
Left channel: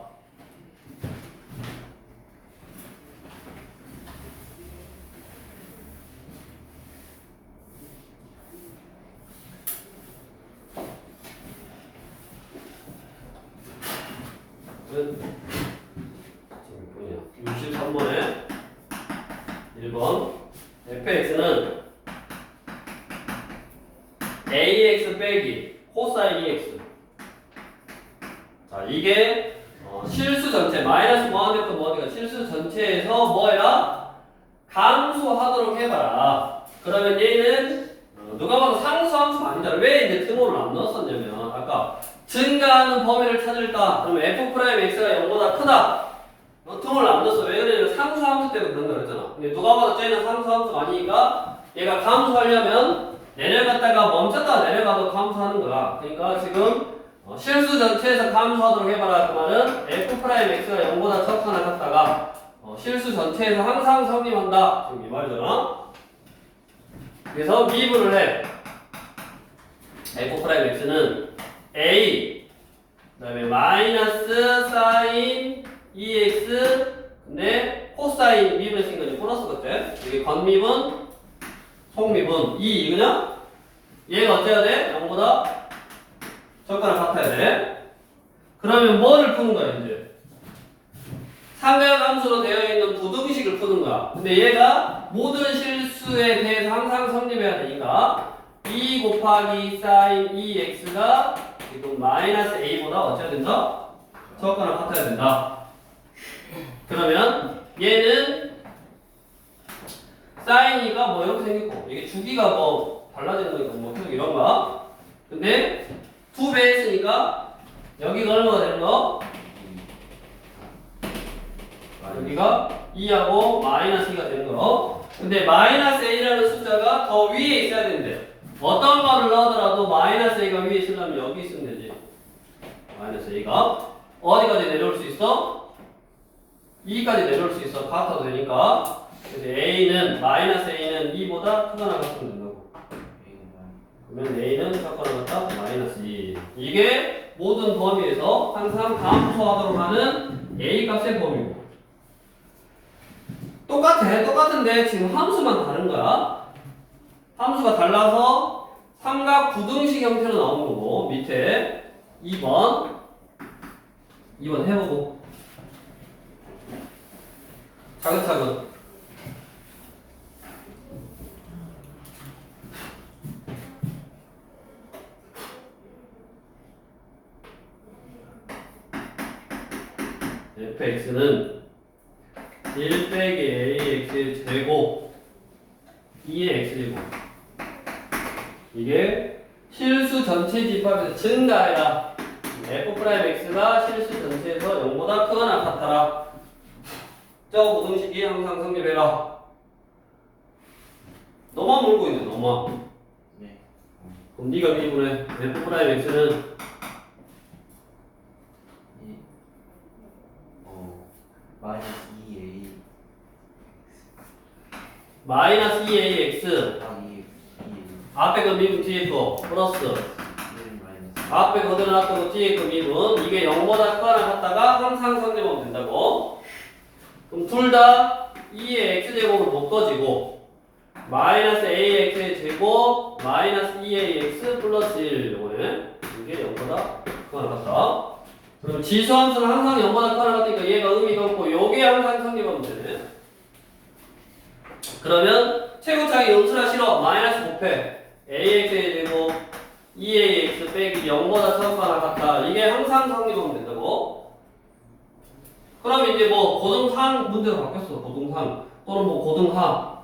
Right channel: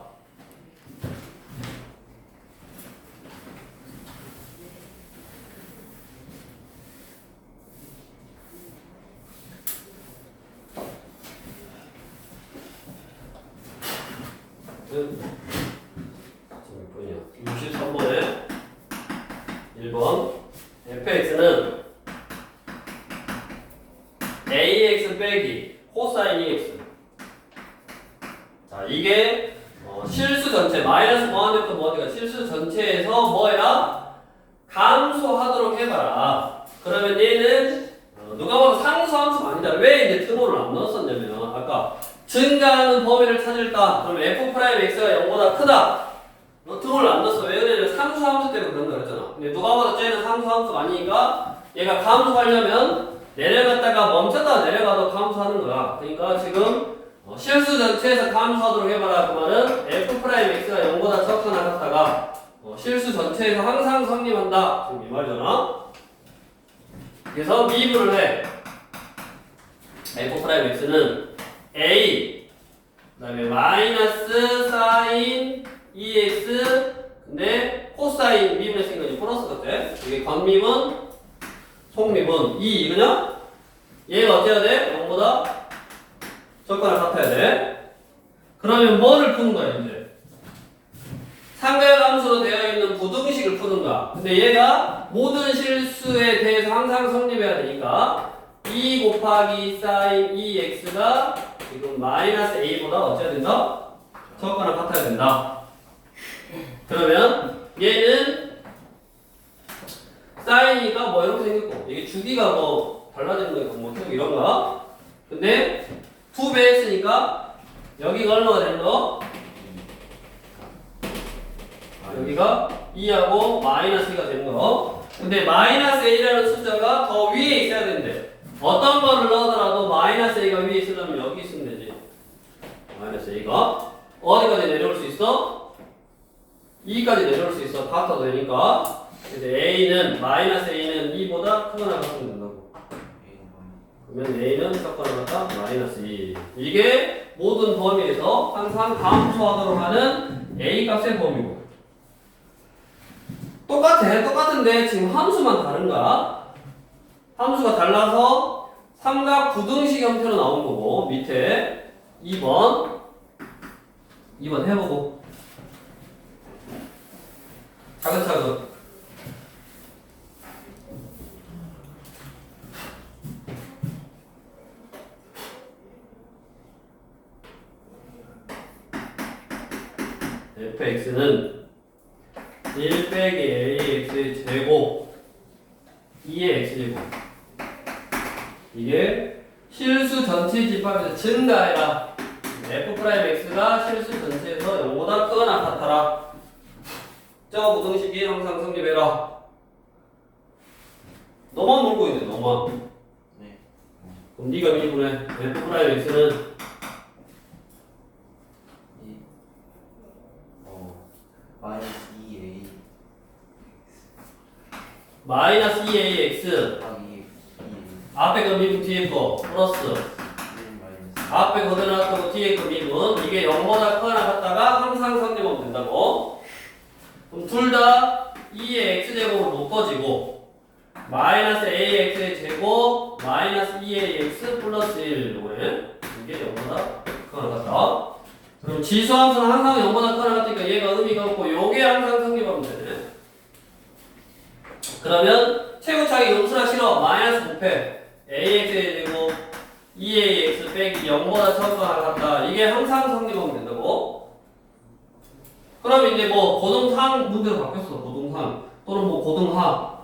지금 63번에 1번 fx는 ax 빼기 코사인 EX. 자, 이게 실수 전체 마이너스 무한대부터 무한대가 실수 전체에서 뭐해라? 감소하도록 해봐라. 그러면 얘는 누가 봐도 상수함수가 아니다. 왜 이제 등호를 안 넣었었냐면 아까 증가하는 범위를 찾을까? 그러면 f'x가 0보다 크다. 등호를 안 넣었어. 왜 그러냐면 상수함수 때문에 그런다 그랬잖아. 근데 누가 봐도 쟤는 상수함수가 아니니까 얘가 감소하려면 내려갔다가 멈췄다가 내려가도 감소하는 거야. 그러니까 지금 실수 전체에서 감소하도록 해봐라. 그 말은 f'x가 0보다 적거나 같다가 실수 전체에서 항상 성립한다. 지금 이 말이잖아. 그래서 미분을 해. f'x는 a 그 다음에 마이너스 사인 2x 근데 코사인 미분의 거지. 플러스 같아. 여기 건미분 속미분 2 이거냐? 얘가 어때야 돼? 0보다 적거나 같아야 돼. 그러면 뭐를 푸는 거야 이제? 상대함수로 되어 있는 부등식을 푸는 거야. 근데 얘가 모든 실수에 대해서 항상 성립해야 되니까 2 곱하기 사인 2x가 지금 마이너스 a보다 어째야 된다? 적거나 같아야 된다. 그러면 얘는 사인이니까 뭐 이렇게 생겼고 이게 주기가 뭐 달라지는 거니까 뭐 계속 이런가. 근데 2배 했으니까 여기가 얼마가 되는 거? 여기가 2하고 마이너스 2가 되는 거. 근데 마이너스 a라는 숫자가 더 위에 있어야 되는데 어떤 거를 넣더라도 마이너스 a가 위에 있으려면 여기 있으면 되지. 마이너스 a가 어디까지 내려올 수 있어? 2까지 내려올 수 있어. 같아도 되니까. 그래서 a는 마이너스 a는 2보다 크거나 같으면 된다고. 그러면 a는 작거나 같다 마이너스 2. 이게 모든 범위에서 항상 감소하도록 하는 a 값의 범위고. 똑같은데 지금 함수만 다른 거야. 함수가 달라서 삼각 부등식 형태로 나온 거고 밑에 2번 해보고 차근차근 fx는 1 빼기 ax의 제곱 2의 x제곱 이게 실수 전체 집합에서 증가해라. f'x가 실수 전체에서 0보다 크거나 같아라. 저 부등식이 항상 성립해라. 너만 놀고 있네 너만. 네. 그럼 네가 미분해. f'x는 마이너스 2a 마이너스 2ax 더하기 2a 앞에 그 미분 뒤에 거 플러스 1 마이너스 앞에 거대놨던 거 뒤에 그 미분 이게 0보다 크거나 같다가 항상 성립하면 된다고. 그럼 둘 다 2의 x제곱은 묶어지고 마이너스 ax의 제곱 마이너스 2ax 플러스 1 요거네. 이게 0보다 크거나 같다. 그럼 지수함수는 항상 0보다 크거나 같으니까 얘가 의미가 없고 요게 항상 성립하면 되네. 그러면 최고차기 음수라 싫어. 마이너스 곱해 ax의 제곱 2ax 빼기 0보다 작거나 같다. 이게 항상 성립하면 된다고. 그럼 이제 뭐 고등상 문제로 바뀌었어. 고등상 또는 뭐 고등하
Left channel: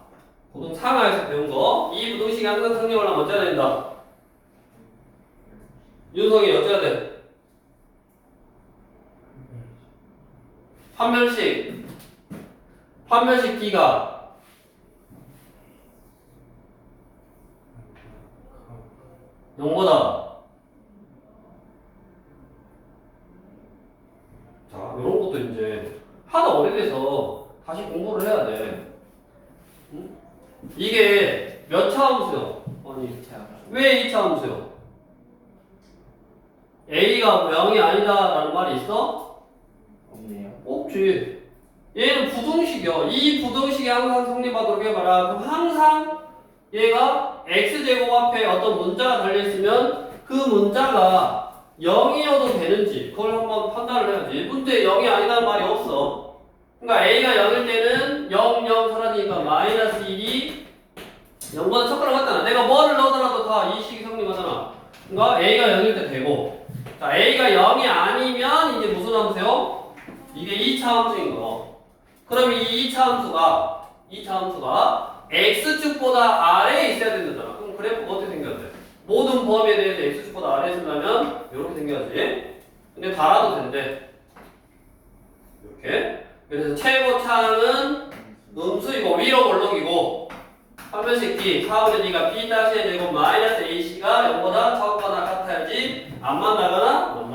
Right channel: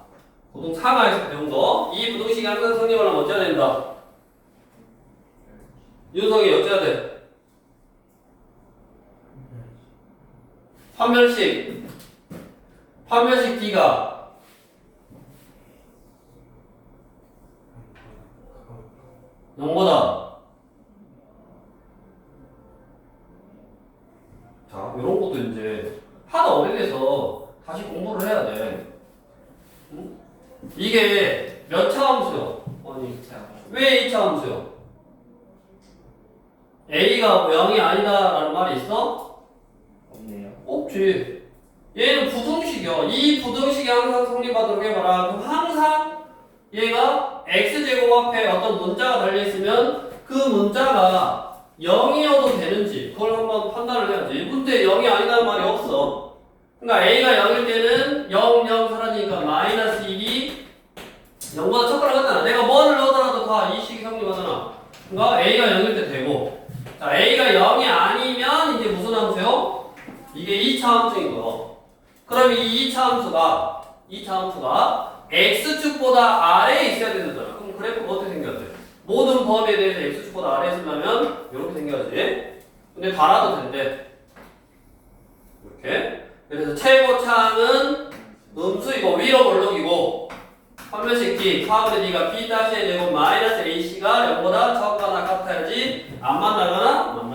고등상하에서 배운 거. 이 부등식이 항상 성립하려면 어째야 된다. 윤성이 어째야 돼? 판별식 D가 영보다 자 이런 것도 이제 하도 오래돼서 다시 공부를 해야 돼. 응? 이게 몇 차 함수요? 아니 왜 2차 함수요? A가 0이 아니다라는 말이 있어? 없네요. 없지. 얘는 부등식이야. 이 부등식이 항상 성립하도록 해봐라. 그럼 항상 얘가 x제곱 앞에 어떤 문자가 달려있으면 그 문자가 0이어도 되는지 그걸 한번 판단을 해야지. 근데 0이 아니다는 말이 없어. 그러니까 a가 0일 때는 0, 0 사라지니까 마이너스 1이 0보다 첫 거랑 같잖아. 내가 뭐를 넣어더라도 다 이 식이 성립하잖아. 그러니까 a가 0일 때 되고 자 a가 0이 아니면 이게 무슨 함수요? 이게 2차 함수인 거. 그럼 이 2차 함수가 x축보다 아래에 있어야 되잖아. 그럼 그래프가 어떻게 생겨야 돼? 모든 범위에 대해서 x축보다 아래에 있으려면 이렇게 생겨야지. 근데 달아도 된대. 이렇게. 그래서 최고차는 음수이고 위로 올록이고 판별식 D 4분의 D가 B-의 제곱 마이너스 AC가 0보다 작거나 같아야지 안 만나거나 한 점이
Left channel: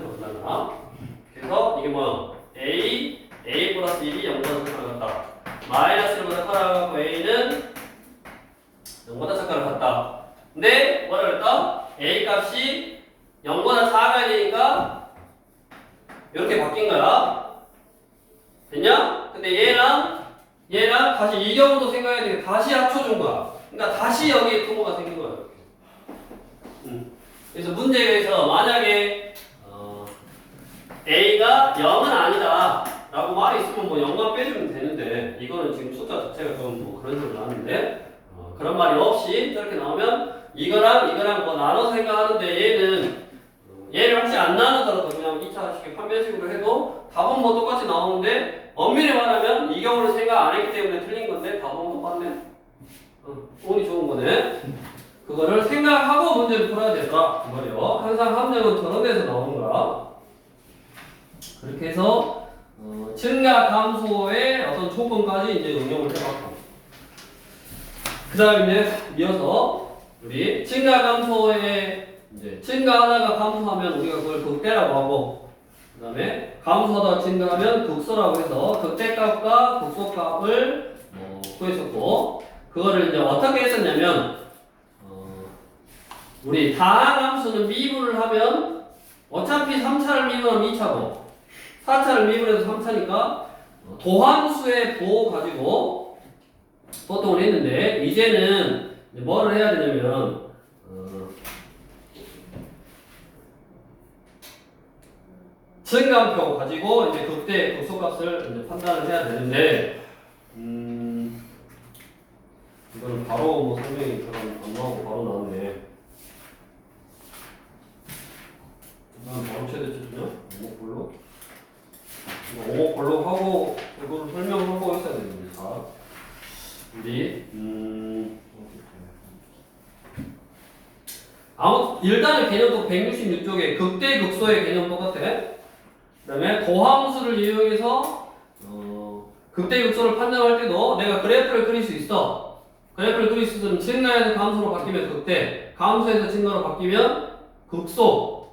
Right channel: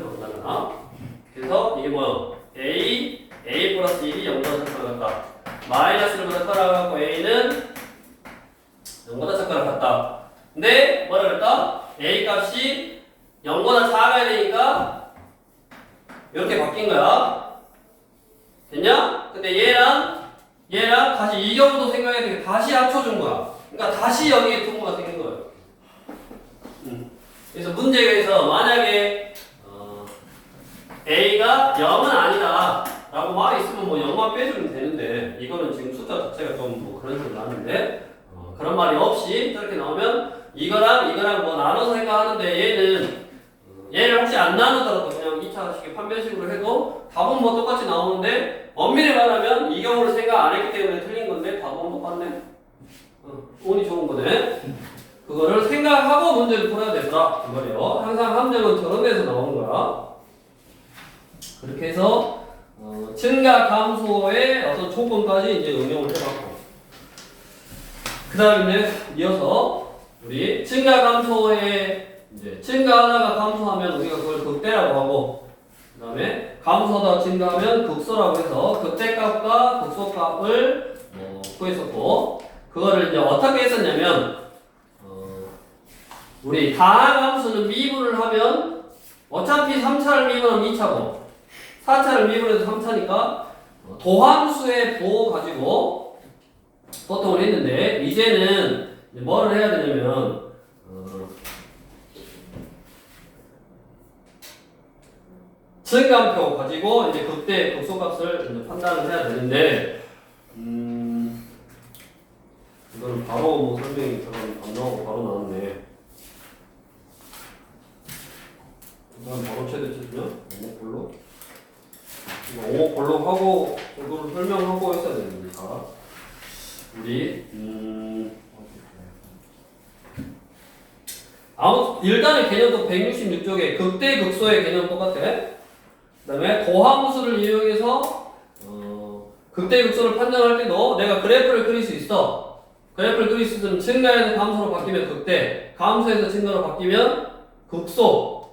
만나거나. 그래서 이게 뭐야? A 플러스 1이 0보다 작거나 같다. 마이너스 1보다 커나 갖고 A는 0보다 작거나 같다. 근데 뭐라 그랬다? A 값이 0보다 작아야 되니까 이렇게 바뀐 거야. 됐냐? 근데 얘랑 다시 이 경우도 생각해야 되니까 다시 합쳐준 거야. 그러니까 다시 여기에 부분가 생긴 거야. 그래서 문제에서 만약에 A가 0은 아니다 라고 말이 있으면 뭐 0만 빼주면 되는데 이거는 지금 숫자 자체가 좀 뭐 그런 식으로 나왔는데 그런 말이 없이 저렇게 나오면 이거랑 뭐 나눠서 생각하는데 얘를 혹시 안 나누더라도 그냥 2차식의 판별식으로 해도 답은 뭐 똑같이 나오는데 엄밀히 말하면 이 경우를 생각 안 했기 때문에 틀린 건데 답은 똑같네. 운이 좋은 거네. 그거를 생각하고 문제를 풀어야 되더라. 그 말이요. 항상 함정은 저런 데서 나오는 거야. 그렇게 해서 증가 감소의 어떤 조건까지 이제 응용을 해봤고, 그 다음에 이어서 우리 증가 감소의 이제 증가하다가 감소하면 우리가 그걸 극대라고 하고, 그 다음에 감소하다가 증가하면 극소라고 해서 극대값과 극소값을 구했었고, 그거를 이제 어떻게 했었냐면 우리 다항함수는 미분을 하면 어차피 3차를 미분하면 2차고 4차를 미분해서 3차니까 도함수의 부호 가지고 소통을 했는데, 이제는 뭐를 해야 되냐면 증감표 가지고 이제 극대 극소값을 이제 판단을 해야 되는데, 이걸 바로 뭐 설명이 안 나오고 바로 나왔네. 이건 바로 최대치죠? 오목볼로. 오목볼로 하고 이거를 설명하고 있어야 됩니다. 우리 아무 일단은 개념도 166쪽에 극대 극소의 개념 똑같아. 그다음에 도함수를 이용해서 극대 극소를 판단할 때도 내가 그래프를 그릴 수 있어. 그래프를 그릴 수 있으면 증가에서 감소로 바뀌면 극대, 감소에서 증가로 바뀌면 극소.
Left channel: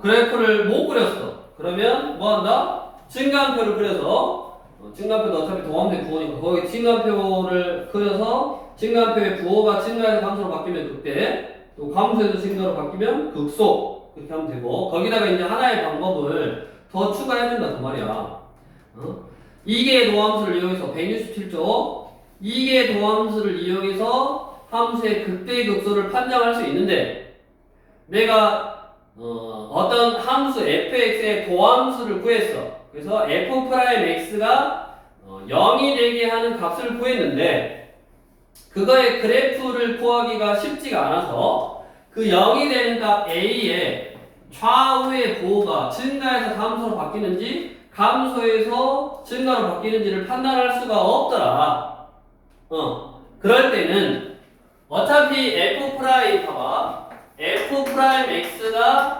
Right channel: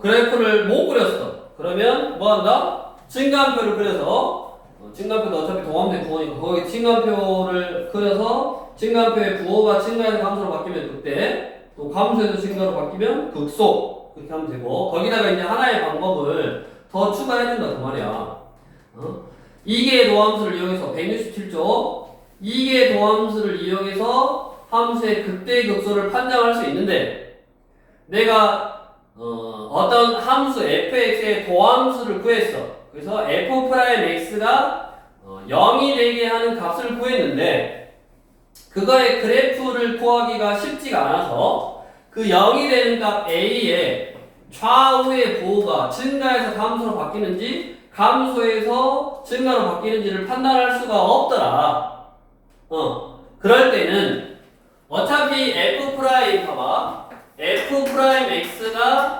그래프를 못 그렸어. 그러면 뭐 한다? 증가함표를 그려서 증가함표도 어차피 도함수의 부호니까 거기 증가함표를 그려서 증가함표의 부호가 증가에서 감소로 바뀌면 극대, 또 감소에서 증가로 바뀌면 극소. 그렇게 하면 되고, 거기다가 이제 하나의 방법을 더 추가해준다 그 말이야. 이계의 도함수를 이용해서 167조 이계의 도함수를 이용해서 함수의 극대 극소를 판정할 수 있는데, 내가 어떤 함수 fx의 도함수를 구했어. 그래서 f'x가 0이 되게 하는 값을 구했는데, 그거의 그래프를 구하기가 쉽지가 않아서 그 0이 되는 값 a의 좌우의 부호가 증가해서 감소로 바뀌는지 감소해서 증가로 바뀌는지를 판단할 수가 없더라. 그럴 때는 어차피 봐봐. f'x가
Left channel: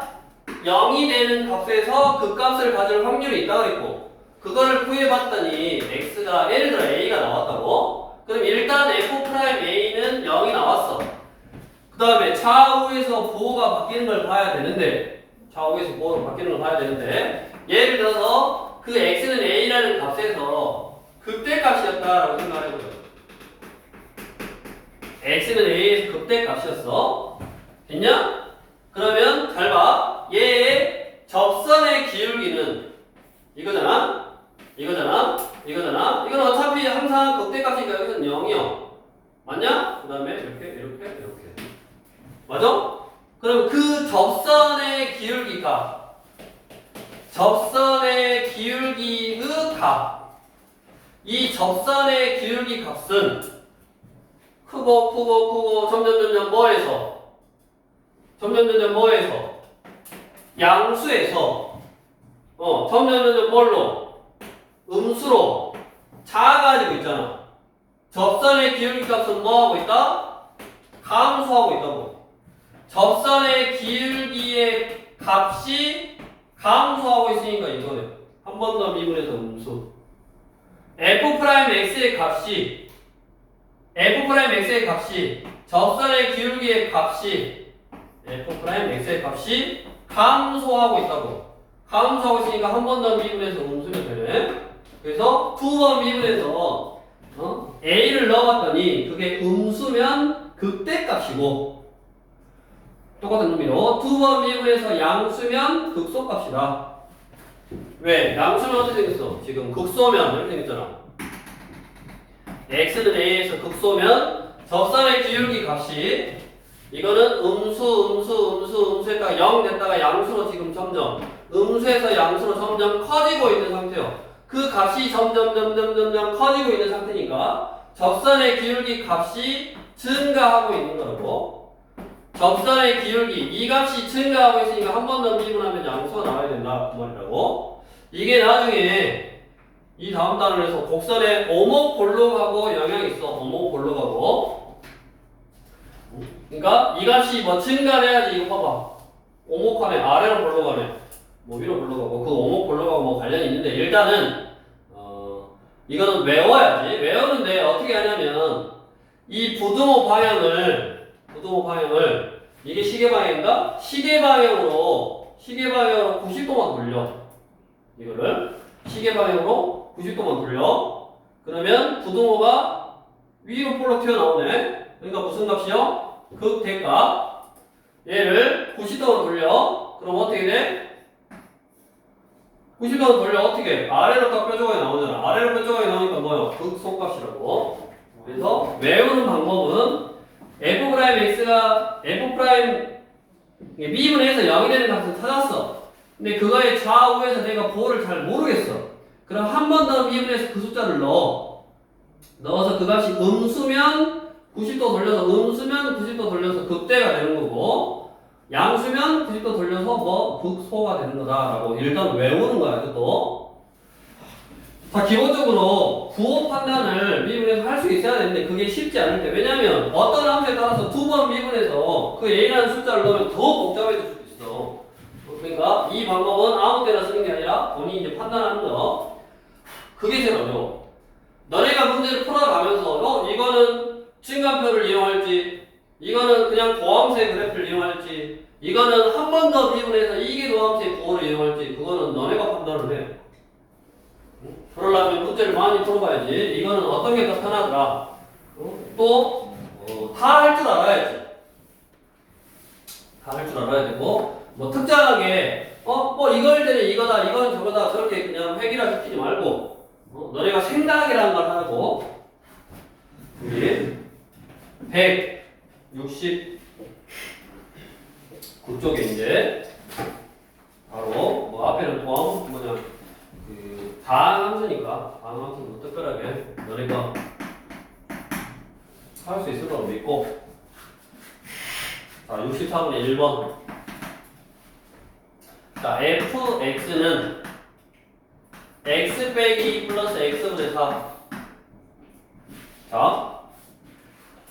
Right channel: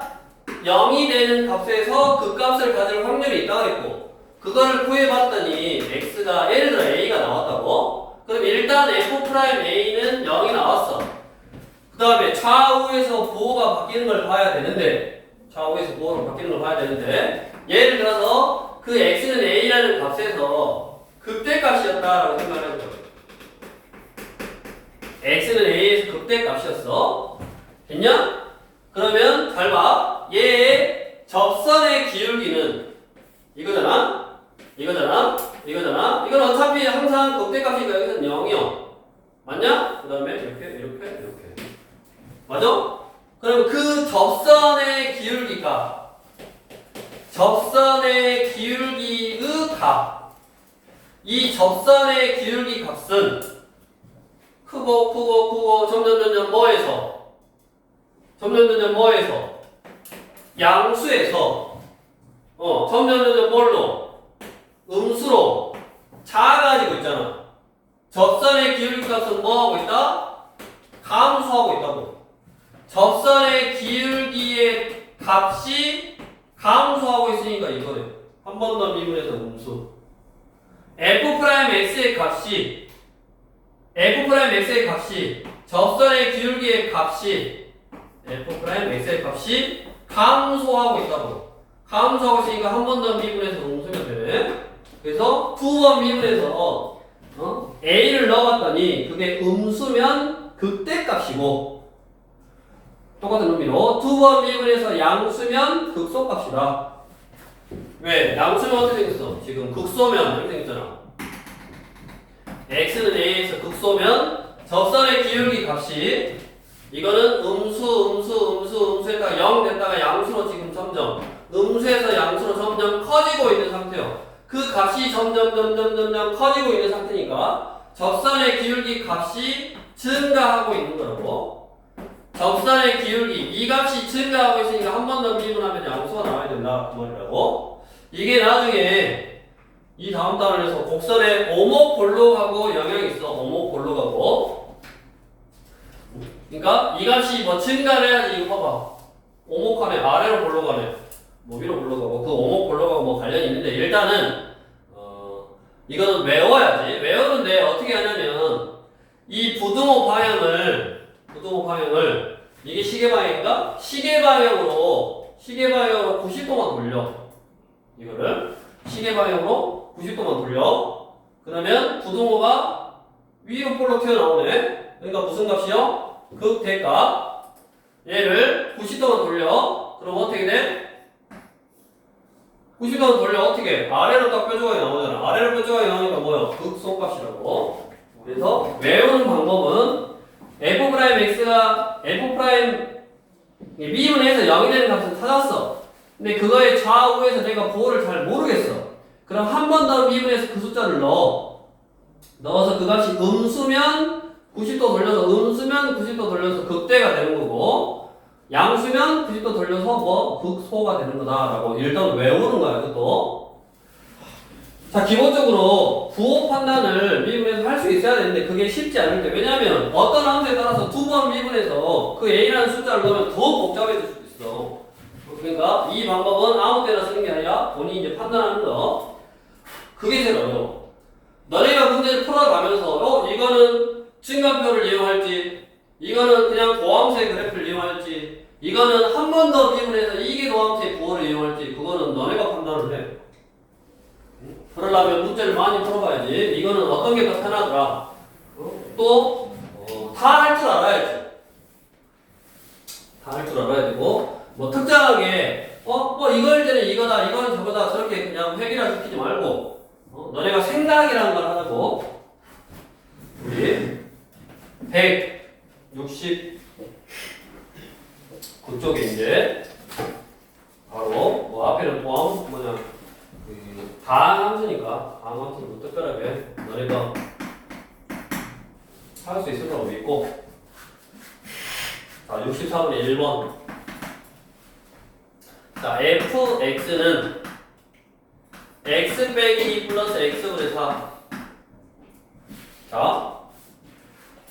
0이 되는 값에서 그 값을 가질 확률이 있다고 그랬고, 그거를 구해봤더니 x가 예를 들어 a가 나왔다고. 그럼 일단 f'a는 0이 나왔어. 그 다음에 좌우에서 부호가 바뀌는 걸 봐야 되는데, 예를 들어서 그 x는 a라는 값에서 극대값이었다라고 생각해보자. x는 a에서 극대값이었어. 됐냐? 그러면 잘 봐. 얘의 접선의 기울기는 이거잖아. 이건 어차피 항상 극대값이니까 여기서는 0이요. 맞냐? 그 다음에 이렇게. 맞아? 그럼 그 접선의 기울기 값, 접선의 기울기의 값, 이 접선의 기울기 값은 크고 점점 뭐에서 양수에서 점점 뭘로? 음수로 작아지고 있잖아. 접선의 기울기 값은 뭐하고 있다? 감소하고 있다고. 접선의 기울기의 값이 감소하고 있으니까 이거네. 한 번 더 미분해서 음수. f'x의 값이 접선의 기울기의 값이 f'x의 값이 감소하고 있다고. 감소하고 있으니까 한 번 더 미분해서 음수면 되네. 그래서 두 번 미분해서 a를 넣어봤더니 그게 음수면 극대값이고, 똑같은 의미로 두 번 미분해서 양수면 극소값이다. 왜? 양수면 어떻게 생겼어? 지금 극소면 이렇게 생겼잖아. x는 a에서 극소면 접선의 기울기 값이, 이거는 음수에다가 0 됐다가 양수로 지금 점점, 음수에서 양수로 점점 커지고 있는 상태요. 그 값이 점점 커지고 있는 상태니까 접선의 기울기 값이 증가하고 있는 거라고. 접선의 기울기, 이 값이 증가하고 있으니까 한 번 더 미분하면 양수가 나와야 된다 그 말이라고. 이게 나중에 이 다음 단원에서 곡선에 오목볼록하고 영향이 있어. 오목볼록하고. 그러니까 이 값이 뭐 증가해야지 이거 봐봐. 오목하네. 아래로 볼록하네. 뭐 위로 볼록하고 그 오목볼록하고 뭐 관련이 있는데 일단은 이거는 외워야지. 외우는데 어떻게 하냐면 이 부등호 방향을 이게 시계 방향인가? 시계 방향으로 90도만 돌려. 이거를 시계 방향으로 90도만 돌려. 그러면 부등호가 위로 볼록 튀어나오네. 그러니까 무슨 값이요? 극대값. 얘를 90도만 돌려. 그럼 어떻게 돼? 90도만 돌려 어떻게? 아래로 딱 뾰족하게 나오잖아. 아래로 뾰족하게 나오니까 뭐요? 극소값이라고. 그래서 외우는 방법은 F'X가 미분해서 0이 되는 값을 찾았어. 근데 그거의 좌우에서 내가 부호를 잘 모르겠어. 그럼 한 번 더 미분해서 그 숫자를 넣어서 그 값이 음수면 90도 돌려서 음수면 90도 돌려서 극대가 되는 거고 양수면 90도 돌려서 뭐 극소가 되는 거다라고 일단 외우는 거야. 그것도. 자, 기본적으로 부호 판단을 미분해서 할 수 있어야 되는데 그게 쉽지 않을 때. 왜냐하면 어떤 함수에 따라서 두 번 미분해서 그 a라는 숫자를 넣으면 더 복잡해질 수도 있어. 그러니까 이 방법은 아무 때나 쓰는 게 아니라 본인이 이제 판단하는 거. 그게 제일 어려워. 너네가 문제를 풀어가면서 이거는 증가표를 이용할지 이거는 그냥 도함수의 그래프를 이용할지 이거는 한 번 더 미분해서 이게 도함수의 부호를 이용할지 그거는 너네가 판단을 해. 그러려면 문제를 많이 풀어봐야지. 이거는 어떤 게 더 편하더라. 또 다 할 줄 알아야지. 다 할 줄 알아야 되고 뭐 특정하게 뭐 이걸 때는 이거다 이거는 저거다 저렇게 그냥 획일화 시키지 말고 너네가 생각이라는 걸 하고 우리 169쪽에 이제 바로 뭐 앞에는 도함 뭐냐 다항함수니까 다항함수는 뭐 특별하게 너네가 할 수 있을 거라고 믿고 자 64번에 1번 자 fx는 x 빼기 2 플러스 x분의 4 자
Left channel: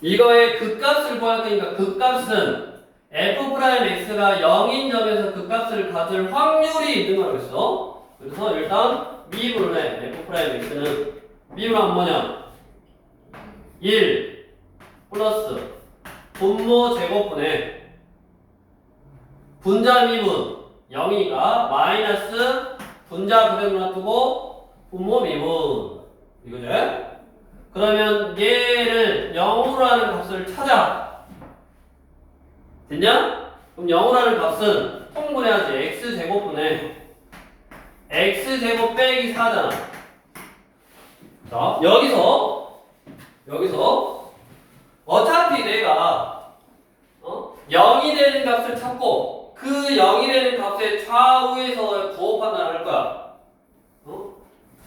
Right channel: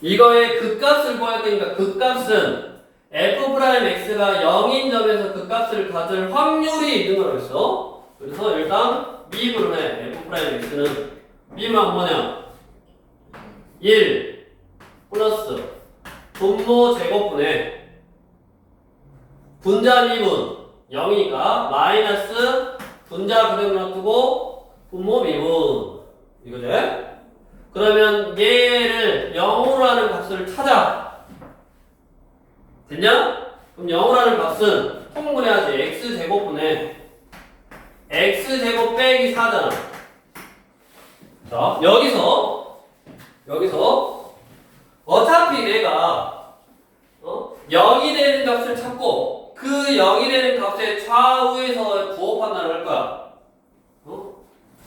이거의 극값을 구할 테니까 극값은 f'x가 0인 점에서 극값을 가질 확률이 있는 거라고 했어. 그래서 일단 미분을 해. f'x는 미분하면 뭐냐 1 플러스 분모 제곱분의 분자 미분 0이니까 마이너스 분자 그대로 놔두고 분모 미분 이거지? 그러면 얘를 0으로 하는 값을 찾아. 됐냐? 그럼 0으로 하는 값은 통분해야지. x제곱분의 x제곱 빼기 4잖아. 자, 여기서 어차피 내가 0이 되는 값을 찾고 그 0이 되는 값의 좌우에서 부호 판단을 할 거야.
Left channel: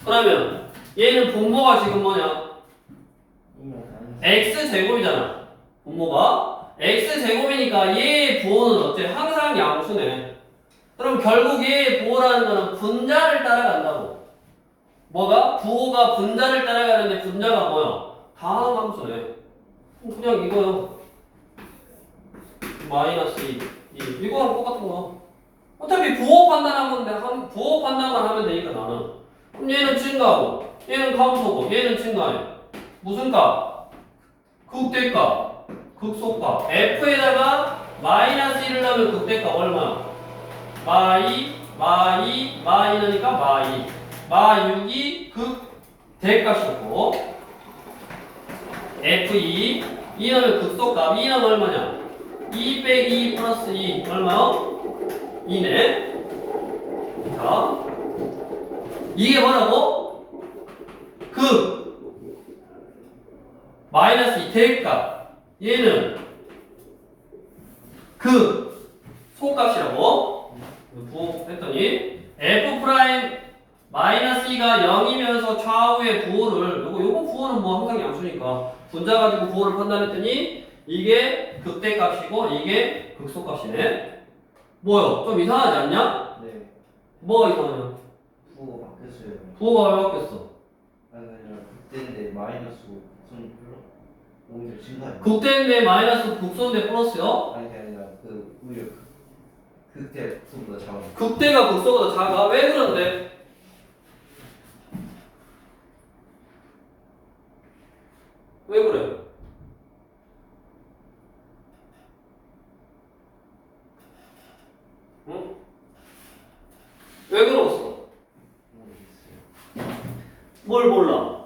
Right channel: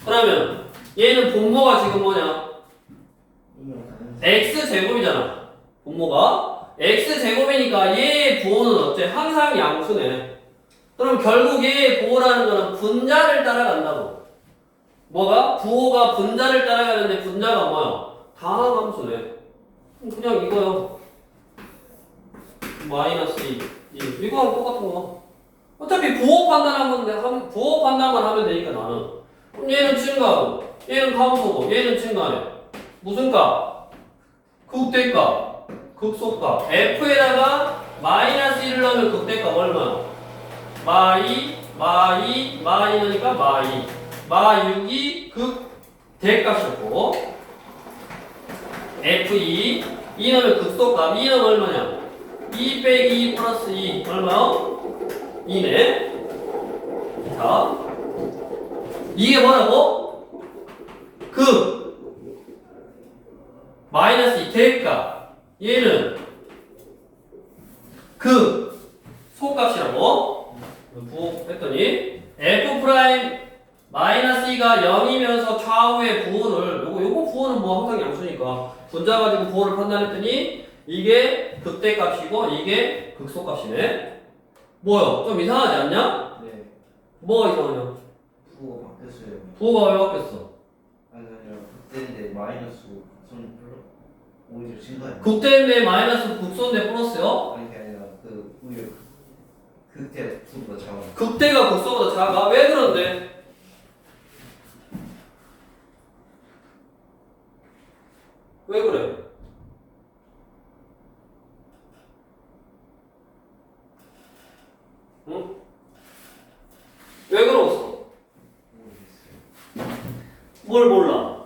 그러면 얘는 분모가 지금 뭐냐? x제곱이잖아. 분모가 x제곱이니까 얘의 부호는 어째? 항상 양수네. 그럼 결국 얘의 부호라는 거는 분자를 따라간다고. 뭐가? 부호가 분자를 따라가는데 분자가 뭐야? 다항함수네. 그냥 이거요. 마이너스 2. 이거랑 똑같은 거야. 어차피 부호 판단만 하면 되니까 나는. 그럼 얘는 증가하고, 얘는 감소고, 얘는 증가해. 무슨 값? 극대값, 극소값. F에다가 마이너스 1을 넣으면 극대값 얼마야? 마이너니까 마이. 마6이 극대값이었고, F2, 2 넣으면 극소값. 2 넣으면 얼마냐? 2 빼기 2 플러스 2, 얼마요? 2네. 자, 이게 뭐라고? 마이너스 2 대값. 얘는 소값이라고 부호했더니 f 프라임 마이너스 2가 0이면서 좌우의 부호를 요거 부호는 뭐 항상 양수니까 분자 가지고 부호를 판단했더니 이게 극대값이고 이게 극소값이네. 뭐요? 좀 이상하지 않냐? 네. 뭐 이상하냐? 부호가 바뀌었어요. 부호가 왜 바뀌었어? 아니 아니라 그때인데 마이너스 손 오히려 증가해요. 극대인데 마이너스 극소인데 플러스요? 아니 그게 아니라 그 오히려 그때 부호가 작아. 극대가 극소보다 작아? 왜 그런데? 왜 그래? 응? 왜 그러겠어? 모르겠어요. 뭘 몰라?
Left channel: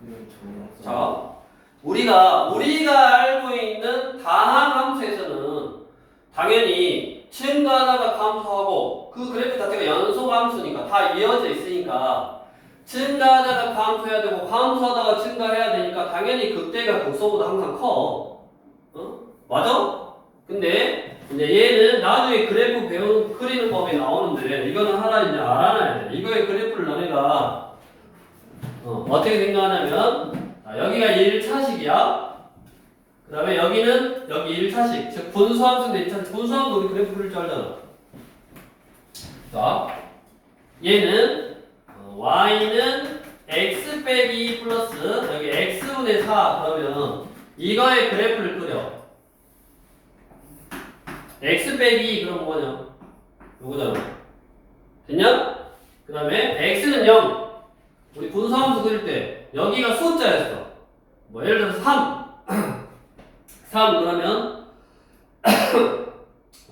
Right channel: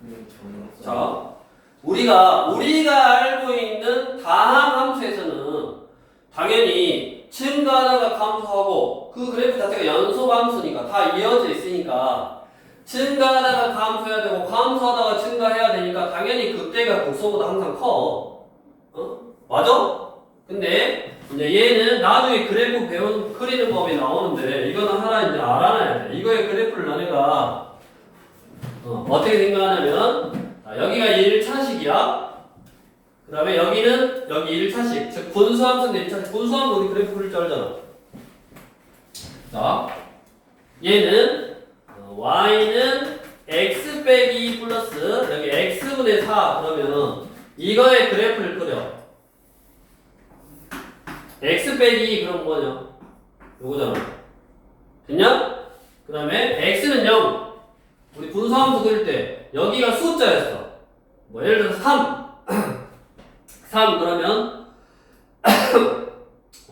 저는 자, 우리가 알고 있는 다항 함수에서는 당연히 증가하다가 감소하고 그 그래프 자체가 연속 함수니까 다 이어져 있으니까 증가하다가 감소해야 되고 감소하다가 증가해야 되니까 당연히 극대가 극소보다 항상 커. 어? 맞아? 근데 이제 얘는 나중에 그래프 그리는 법이 나오는데 이거는 하나 이제 알아놔야 돼. 이거의 그래프를 너네가 어떻게 생각하냐면 자, 여기가 1차식이야. 그 다음에 여기는 여기 1차식. 즉 분수함수인데 1차식. 분수함수 우리 그래프 그릴 줄 알잖아. 자, 얘는 y는 x 빼기 2 플러스 여기 x분의 4 그러면 이거의 그래프를 그려. x 빼기 2 그럼 뭐냐? 요거잖아. 됐냐? 그 다음에 x는 0. 우리 분수함수 그릴 때 여기가 숫자였어. 뭐 예를 들어서 3. 3 그러면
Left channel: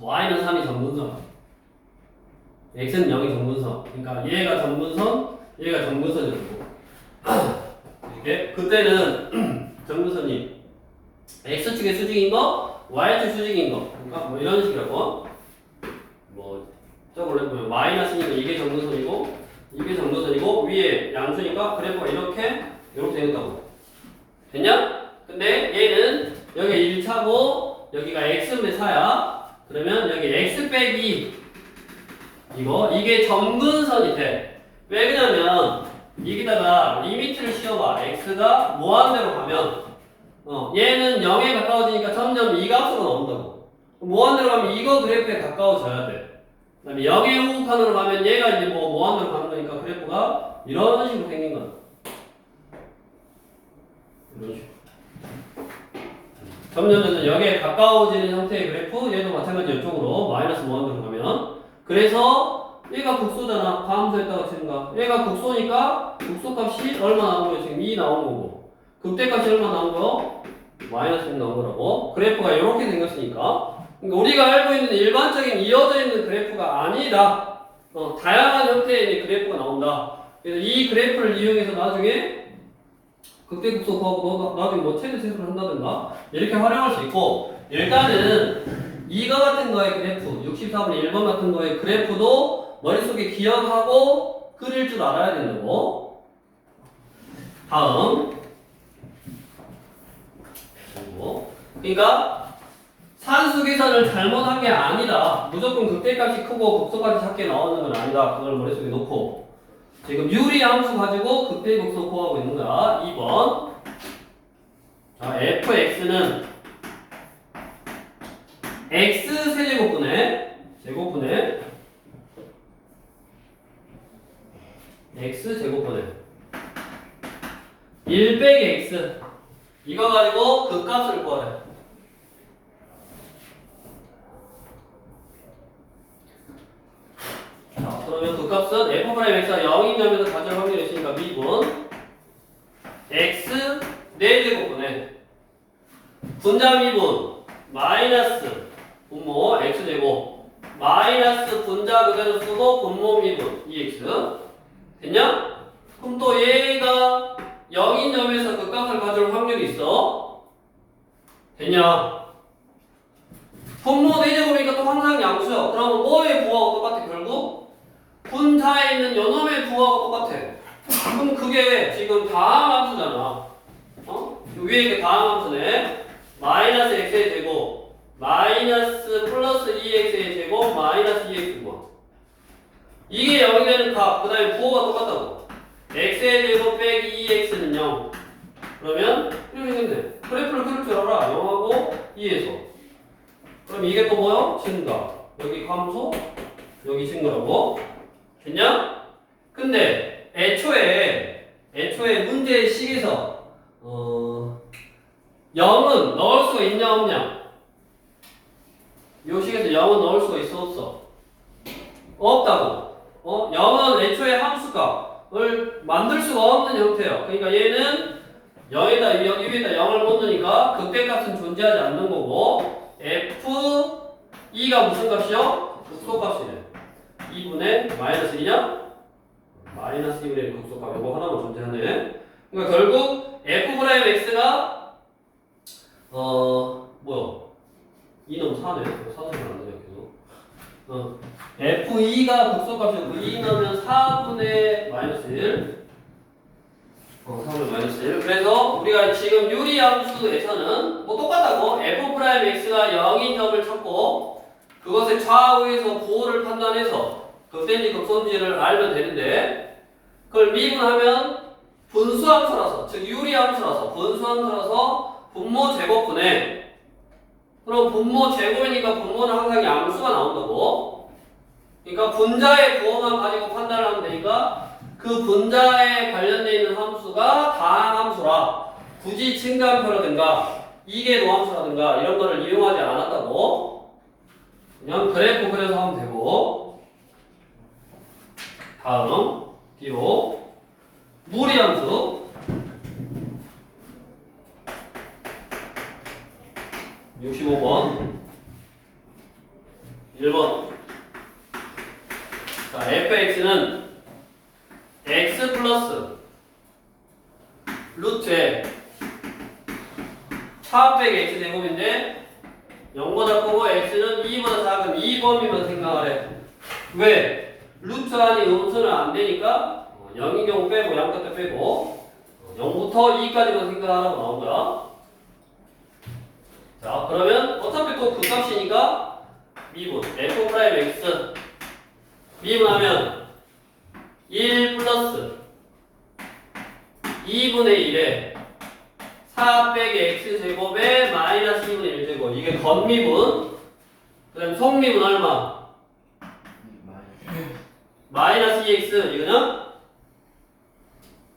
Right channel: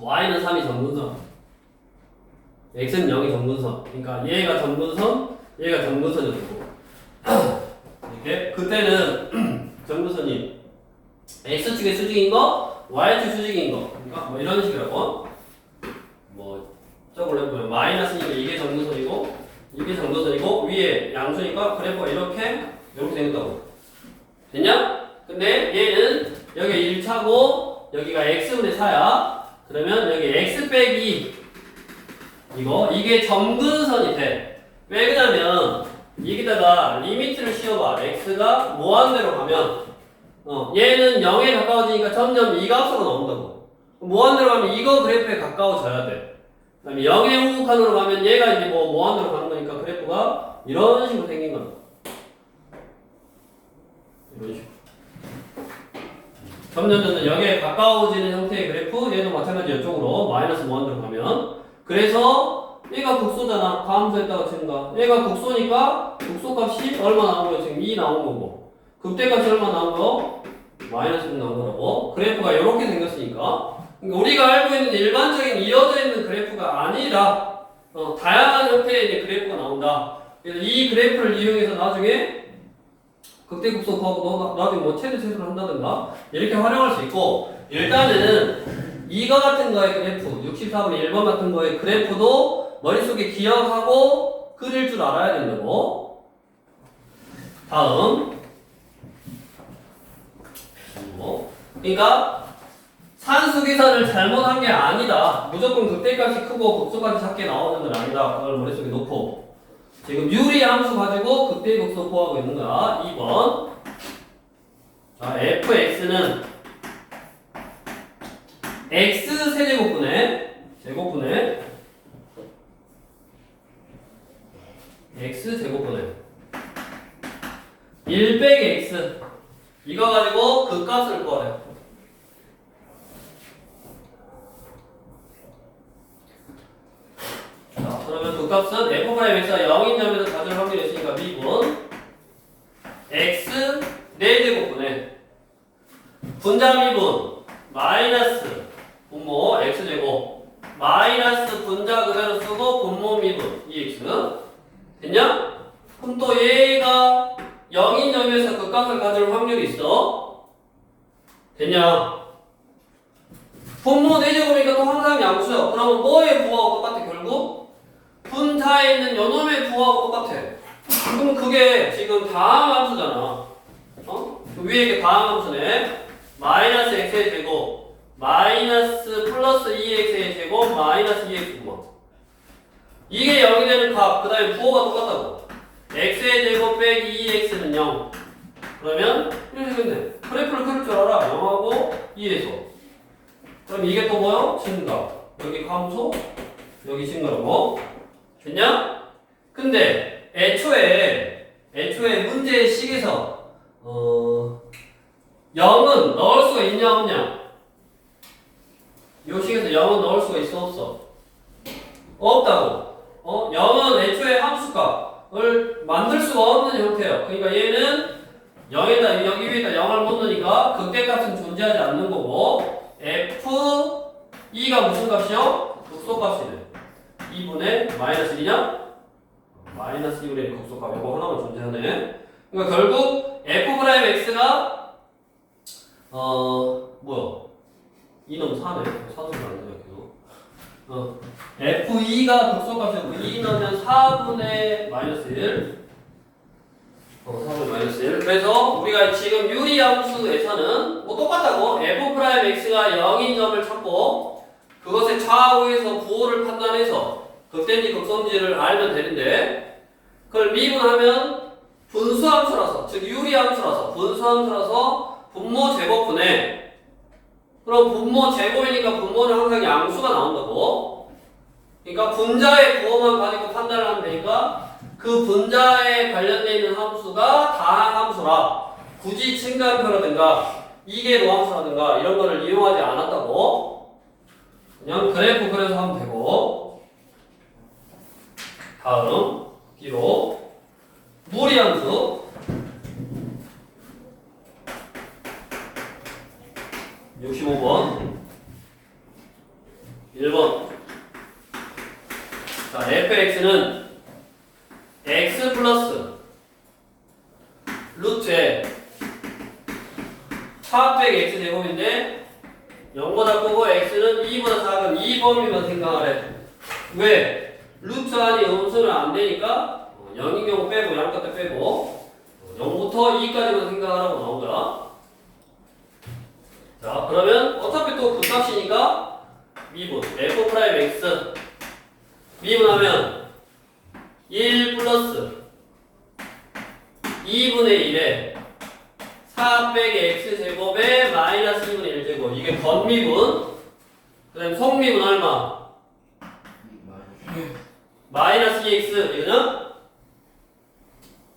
y는 3이 정분선. x는 0이 정분선. 그러니까 얘가 정분선, 얘가 정분선이고. 이렇게 그때는 정분선이 x축의 수직인 거, y축 수직인 거. 그러니까 뭐 이런 식이라고. 뭐 저걸로 해보면 마이너스니까 이게 정분선이고 이게 정분선이고 위에 양수니까 그래프가 이렇게 생겼다고. 됐냐? 근데 얘는 여기 1차고 여기가 x분의 4야. 그러면 여기 x 빼기 이게 정근선이 돼. 왜 그러냐면 여기다가 리미트를 씌워봐. x가 무한대로 가면 얘는 0에 가까워지니까 점점 이 값으로 나온다고. 무한대로 가면 이거 그래프에 가까워져야 돼. 그 다음에 0의 우극한으로 가면 얘가 이제 뭐 무한대로 가는 거니까 그래프가 이런 식으로 생긴 거야. 이런 식으로. 점점 0에 가까워지는 형태의 그래프, 얘도 마찬가지 이쪽으로 마이너스 무한대로 가면. 그래서 얘가 극소잖아. 감소했다가 증가. 얘가 극소니까 극소값이 얼마 나온 거예요? 지금 2 나온 거고. 극대값이 얼마 나온 거요? 마이너스 6 나온 거라고. 그래프가 이렇게 생겼으니까. 그러니까 우리가 알고 있는 일반적인 이어져 있는 그래프가 아니다. 다양한 형태의 이제 그래프가 나온다. 그래서 이 그래프를 이용해서 나중에 극대극소 구하고 나중에 뭐 최대 최소를 한다든가 이렇게 활용할 수 있고, 일단은 이거 같은 거의 그래프 64분의 1번 같은 거의 그래프도 머릿속에 기억하고 그릴 줄 알아야 된다고. 다음 그러니까 산수 계산을 잘못한 게 아니다. 무조건 극대값이 크고 극소값이 작게 나오는 건 아니다. 그걸 머릿속에 놓고 지금 유리 함수 가지고 극대 극소 구하고 있는 거야. 2번. 자, fx는 x 세제곱분의 x 제곱분의 1 빼기 x 이거 가지고 그 값을 구하래. 자, 그러면 그 값은 f'x가 0인 점에서 가질 확률이 있으니까 미분 x 4제곱분의 분자 미분 마이너스 분모 x제곱 마이너스 분자 그대로 쓰고 분모 미분 2x 됐냐? 그럼 또 얘가 0인 점에서 그 값을 가질 확률이 있어. 됐냐? 분모 4제곱이니까 또 항상 양수야. 그러면 뭐의 부하고 똑같아 결국? 분자에 있는 요놈의 부하고 똑같아. 그럼 그게 지금 다항함수잖아. 위에 이게 다항함수네. 마이너스 x의 제곱 마이너스 플러스 2x의 제곱 마이너스 2x 부하. 이게 0이 되는 값. 그 다음에 부호가 똑같다고. x의 제곱 빼기 2x는 0. 그러면 이렇게 생겼네. 그래프를 그릴 줄 알아. 0하고 2에서. 그럼 이게 또 뭐요? 증가. 여기 감소, 여기 친구라고. 됐냐? 근데 애초에 문제의 식에서 0은 넣을 수가 있냐 없냐? 요 식에서 0은 넣을 수가 있어 없어? 없다고. 0은 애초에 함수값을 만들 수가 없는 형태예요. 그러니까 얘는 0에다 여기 위에다 0을 못 넣으니까 극대값은 존재하지 않는 거고 F2가 무슨 값이요? 극소값이래. 2분의 마이너스 1이냐? 마이너스 2분의 극소값 이거 하나만 존재하네. 그러니까 결국 F'X가 뭐야? 2넣으면 4네. 사수를 안 되냐 계속. F2가 극소값이고 2 넣으면 4분의 마이너스 1. 4분의 마이너스 1. 그래서 우리가 지금 유리함수에서는 뭐 똑같다고 F'X가 0인 점을 찾고 그것의 좌우에서 부호를 판단해서 극대인지 극소인지를 알면 되는데 그걸 미분하면 분수함수라서 즉 유리함수라서 분수함수라서 분모 제곱분해 그럼 분모 제곱이니까 분모는 항상 양수가 나온다고. 그러니까 분자의 부호만 가지고 판단을 하면 되니까 그 분자에 관련되어 있는 함수가 다항함수라 굳이 증가함수라든가 이계도함수라든가 이런 거를 이용하지 않았다고. 그냥 그래프 그래서 하면 되고. 다음 뒤로 무리함수 65번 1번. 자, fx는 x 플러스 루트에 4 빼기 x 제곱인데 0보다 크고 x는 2보다 작은 이 범위만 생각하래. 왜? 루트 안이 음수는 안 되니까 0인 경우 빼고 0값도 빼고 0부터 2까지만 생각하라고 나온 거야. 자, 그러면 어차피 또 그 값이니까 미분 F'X 미분하면 1 플러스 2분의 1에 4 빼기 x 제곱에 마이너스 2분의 1 제곱. 이게 건미분. 그 다음 속미분 얼마? 마이너스 2x 이거는?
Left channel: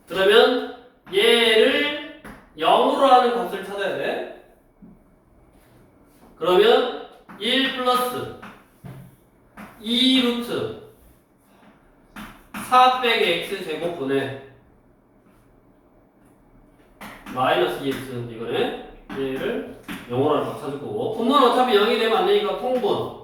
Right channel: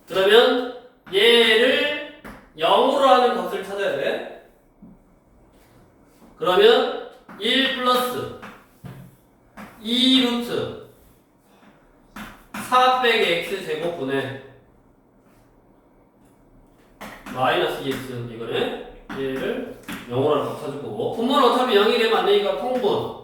그러면 얘를 0으로 하는 값을 찾아야 돼. 그러면 1 플러스 2 루트 4 빼기 x 제곱분의 마이너스 2x 이거네. 얘를 0으로 하는 값 찾을 거고 분모는 어차피 0이 되면 안 되니까 통분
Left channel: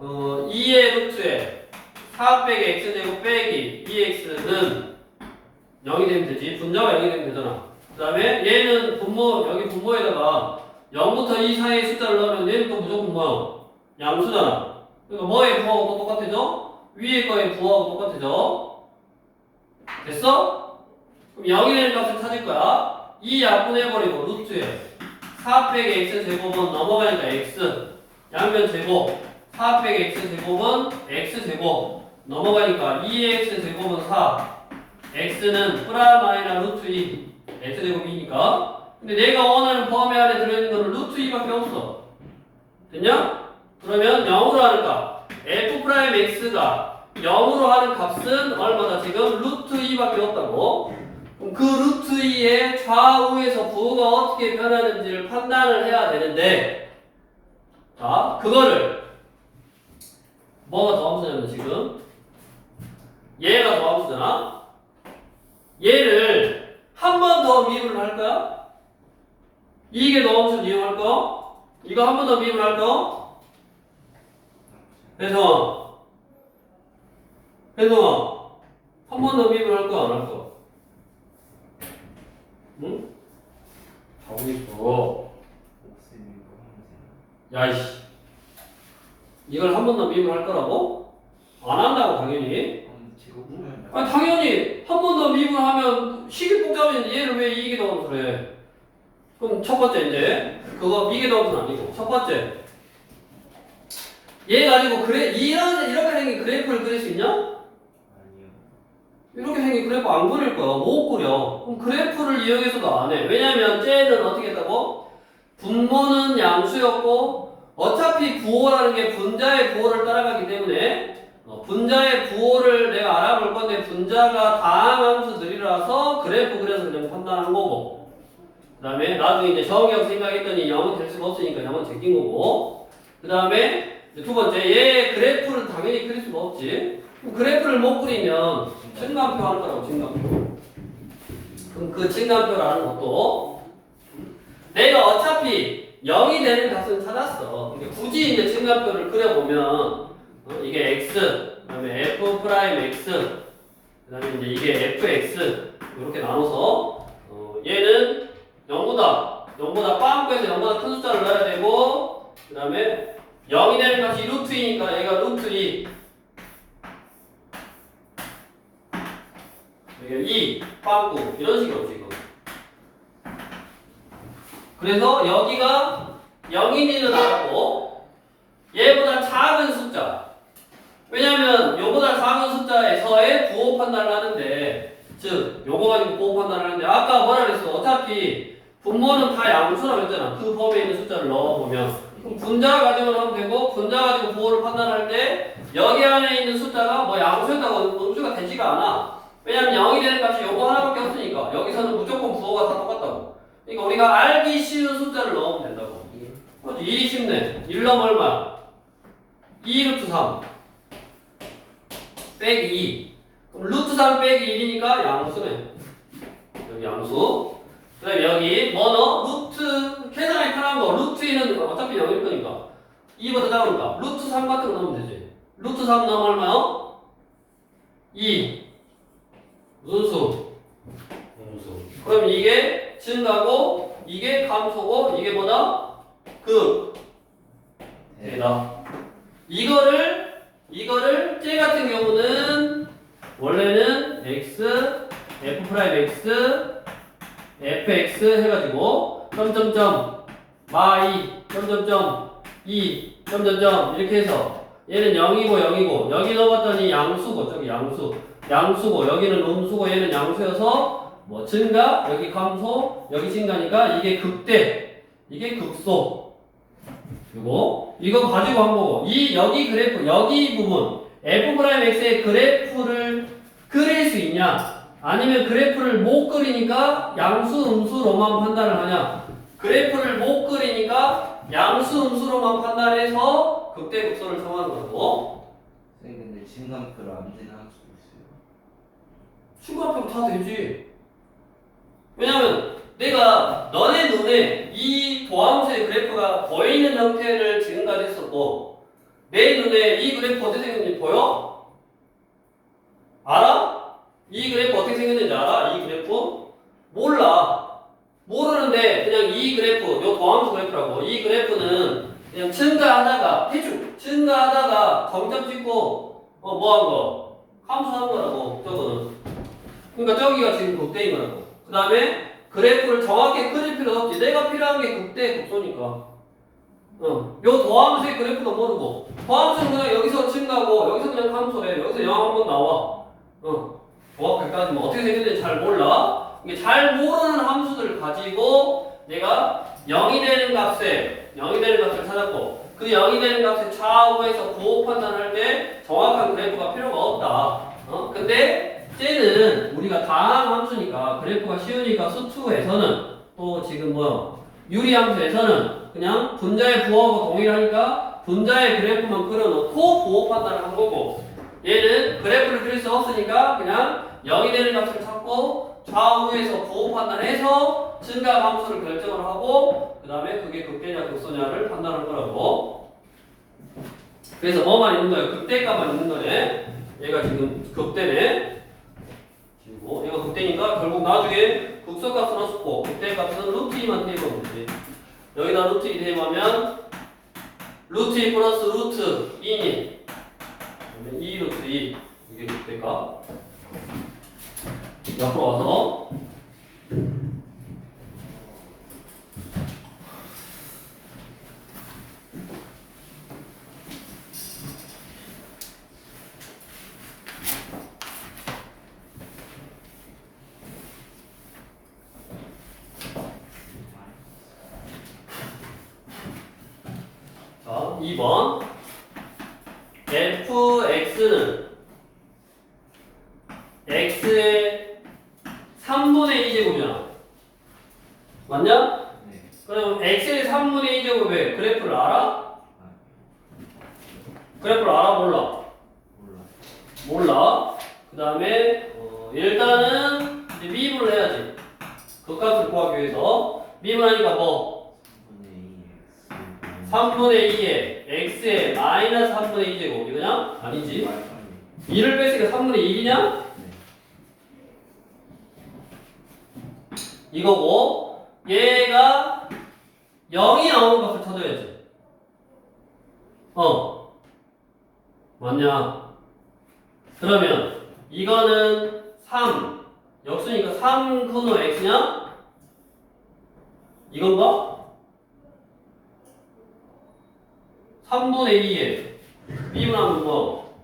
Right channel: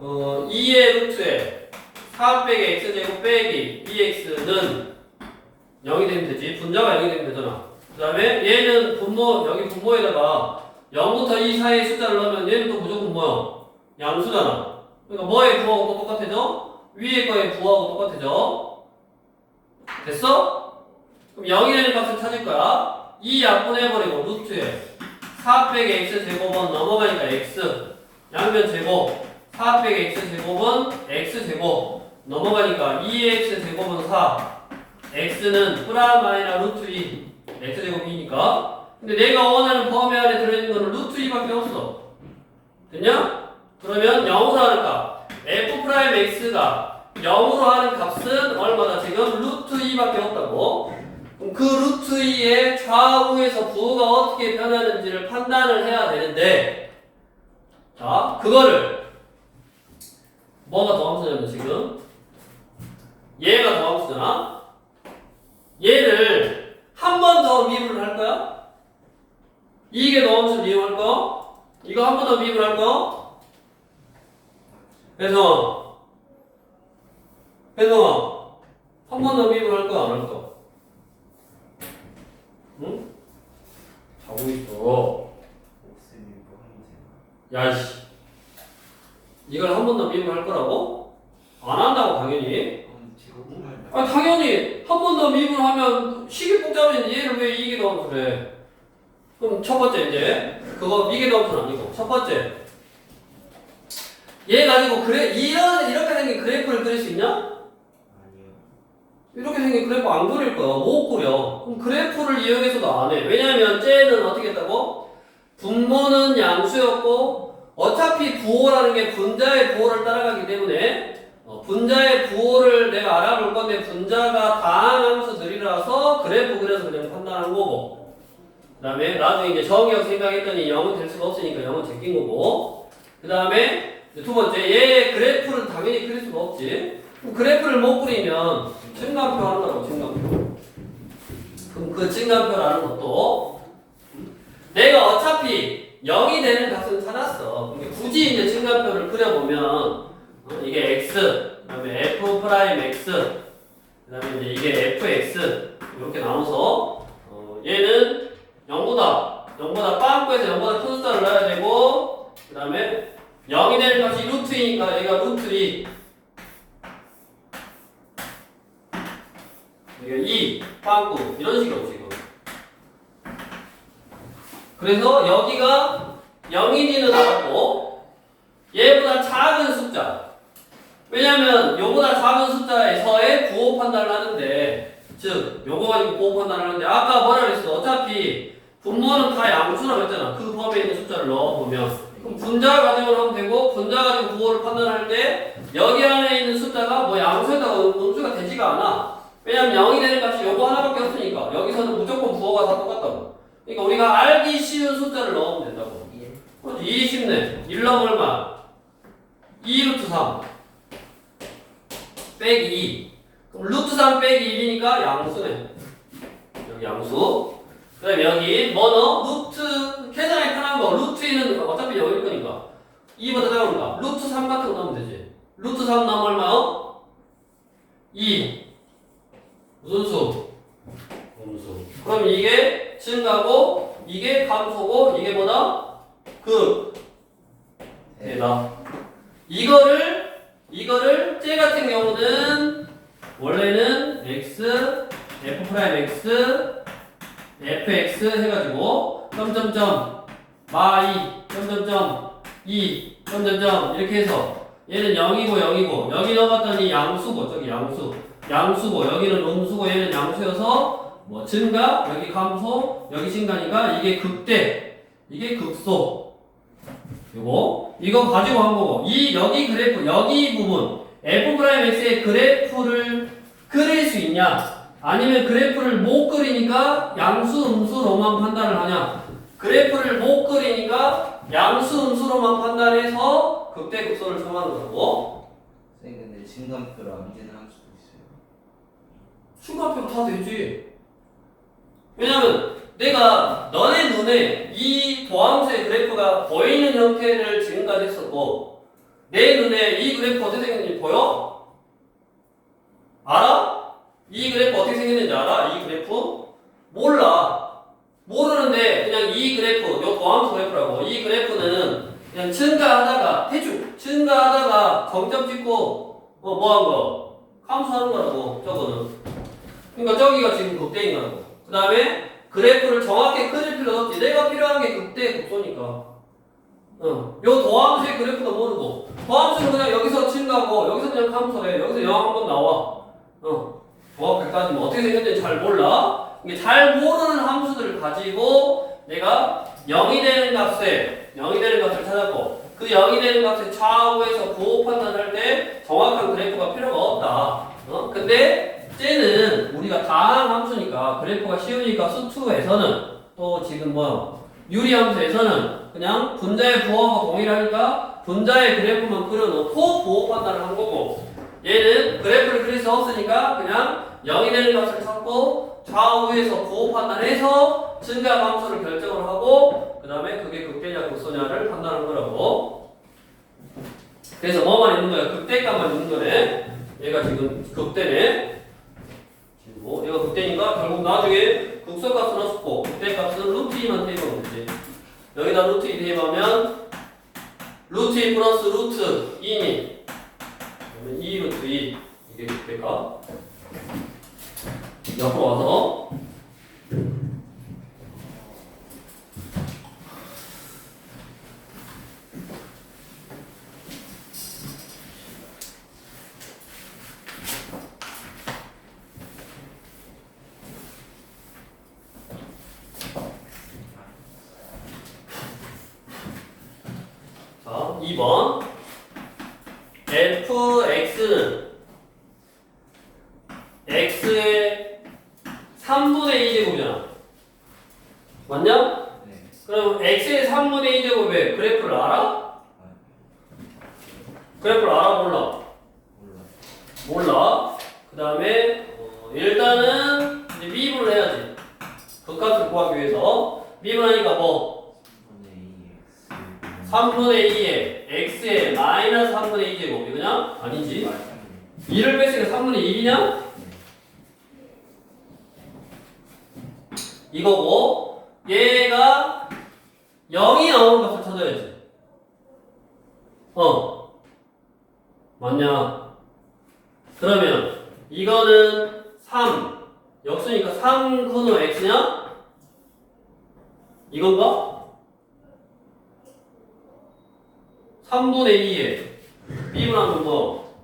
2의 루트에 4 빼기 x제곱 빼기 2x는 0이 되면 되지. 분자가 0이 되면 되잖아. 그 다음에 얘는 분모, 여기 분모에다가 0부터 2 사이의 숫자를 넣으면 얘는 또 무조건 뭐야? 양수잖아. 그러니까 뭐의 부하고 또 똑같아져? 위에 거의 부하고 똑같아져. 됐어? 그럼 0이 되는 값을 찾을 거야. 2 약분해버리고 루트에 4 빼기 x 제곱은 넘어가니까 x 양변 제곱 4 빼기 x 제곱은 x 제곱 넘어가니까 2x 제곱은 4 x는 프라마이나 루트 2 x 제곱이니까. 근데 내가 원하는 범위 안에 들어있는 거는 루트 2밖에 없어. 됐냐? 그러면 0으로 하는 값 F'X가 0으로 하는 값은 얼마나 지금 루트 2밖에 없다고. 그럼 그 루트 2의 좌우에서 부호가 어떻게 변하는지를 판단을 해야 되는데 자 그거를 뭐가 더함수냐면 지금 얘가 더함수잖아. 얘를 한 번 더 미분을 할까? 이게 더함수를 이용할까? 이거 한 번 더 미분할까? 그래서 한 번 더 미분할까 안 할까? 응? 자고 있어. 야이씨. 이걸 한 번 더 미분할 거라고? 안 한다고 당연히. 아니 당연히 한 번 더 미분하면 식이 복잡해지는데 얘를 왜 이게 더함수 그래? 그럼 첫 번째 이제 그거 이게 더함수는 아니고 첫 번째 얘 가지고 이렇게 생긴 그래프를 그릴 수 있냐? 아니요. 이렇게 생긴 그래프 안 그릴 거야. 못 그려. 그럼 그래프를 이용해서도 안 해. 왜냐면 쟤는 어떻게 했다고? 분모는 양수였고 어차피 부호라는 게 분자의 부호를 따라가기 때문에 분자의 부호를 내가 알아볼 건데 분자가 다항함수들이라서 그래프 그려서 그냥 판단한 거고 그 다음에 나중에 이제 정의역 생각했더니 0은 될 수가 없으니까 0은 제낀 거고 그 다음에 두 번째 얘 그래프를 당연히 그릴 수가 없지 그럼 그래프를 못 그리면 측간표 하는 거라고 측간표 그럼 그 측간표라는 것도 내가 어차피 0이 되는 값은 찾았어 근데 굳이 이제 측간표를 그려보면 이게 x 그 다음에 f 프라임 x 그 다음에 이제 이게 fx 이렇게 나눠서 얘는 0보다 빵꾸에서 0보다 큰 숫자를 넣어야 되고 그 다음에 0이 되는 값이 루트이니까 얘가 루트 2 여기가 2 빵꾸 이런 식으로 지금 그래서 여기가 0인지는 알았고 얘보다 작은 숫자 왜냐면 요보다 작은 숫자에서의 부호 판단을 하는데 즉 요거 가지고 부호 판단을 하는데 아까 뭐라 그랬어 어차피 분모는 다 양수라고 했잖아 그 범위에 있는 숫자를 넣어보면 그럼 분자 가지고 하면 되고 분자 가지고 부호를 판단할 때 여기 안에 있는 숫자가 뭐 양수에다가 음수가 되지가 않아 왜냐면 0이 되는 값이 요거 하나밖에 없으니까 여기서는 무조건 부호가 다 똑같다고 그러니까 우리가 알기 쉬운 숫자를 넣으면 된다고 1이 쉽네 1 넣으면 얼마? 2 루트 3 빼기 2 그럼 루트 3 빼기 1이니까 양수네 여기 양수 그 다음에 여기 뭐 넣어? 루트 계산이 편한 거 루트 2는 어차피 0일 거니까 2보다 작으니까 루트 3 같은 거 넣으면 되지 루트 3 넣으면 얼마요? 2 무슨 수? 음수 그럼 이게 증가고 이게 감소고 이게 뭐다? 극 대다 이거를 쟤 같은 경우는 원래는 x f 프라임 x fx 해가지고 점점점 마이 점점점 2 점점점 이렇게 해서 얘는 0이고 0이고 여기 넣어봤더니 양수고 저기 양수고 여기는 음수고 얘는 양수여서 뭐 증가 여기 감소 여기 증가니까 이게 극대 이게 극소 이거 가지고 한 거고 여기 그래프 여기 부분 f 프라임 x의 그래프를 그릴 수 있냐 아니면 그래프를 못 그리니까 양수 음수로만 판단을 하냐 그래프를 못 그리니까 양수 음수로만 판단해서 극대 극소를 정하는 거고 선생님 근데 증감표로 암진할 수도 있어요 순간표 다 되지 왜냐면 내가 너네 눈에 이 도함수의 그래프가 보이는 형태를 지금까지 했었고 내 눈에 이 그래프 어떻게 생겼는지 보여? 알아? 이 그래프 어떻게 생겼는지 알아? 이 그래프? 몰라 모르는데 그냥 이 그래프 요 도함수 그래프라고 이 그래프는 그냥 증가하다가 대충 증가하다가 정점 찍고 뭐한 거? 함수하는 거라고 저거는 그러니까 저기가 지금 극대인 거라고 그 다음에 그래프를 정확히 그릴 필요 없지 내가 필요한 게 극대 극소니까 요 도함수의 그래프도 모르고 도함수는 그냥 여기서 증가고 여기서 그냥 감소해 여기서 0 한번 나와 정확하게 따지면 어떻게 생겼는지 잘 몰라 이게 잘 모르는 함수들을 가지고 내가 0이 되는 값을 찾았고 그 0이 되는 값의 좌우에서 부호 판단할 때 정확한 그래프가 필요가 없다 근데 쟤는 우리가 다항 함수니까 그래프가 쉬우니까 수투에서는 또 지금 유리함수에서는 그냥 분자의 부호하고 동일하니까 분자의 그래프만 그려놓고 부호 판단을 하는 거고 얘는 그래프를 그릴 수 없으니까 그냥 0이 되는 값을 찾고 좌우에서 부호 판단해서 증가 함수를 결정을 하고 그 다음에 그게 극대냐 극소냐를 판단하는 거라고 그래서 뭐만 있는 거야? 극대값만 있는 거네 얘가 지금 극대네 그리고 얘가 극대니까 결국 나중에 극소값은 없고 극대값은 루트 2만 대입하면 되지 여기다 루트 2 대입하면 루트 2 플러스 루트 2니 그러면 2 루트 2 이게 극대값 옆으로 와서 2번 fx는 x의 3분의 2제곱이야. 맞냐? 네. 그럼 x의 3분의 2제곱의 그래프를 알아? 그래프를 알아? 몰라? 몰라. 몰라. 그 다음에 일단은 이제 미분을 해야지. 그 값을 구하기 위해서 미분하니까 뭐? 3분의 2에 x의 마이너스 3분의 2제곱 이거냐? 아니지. 2를 뺐으니까 3분의 1이냐? 이거고 얘가 0이 나오는 값을 찾아야지. 맞냐? 그러면 이거는 3 역수니까 3 근호 x냐? 이건가? 3분의 2에 미분하면 뭐?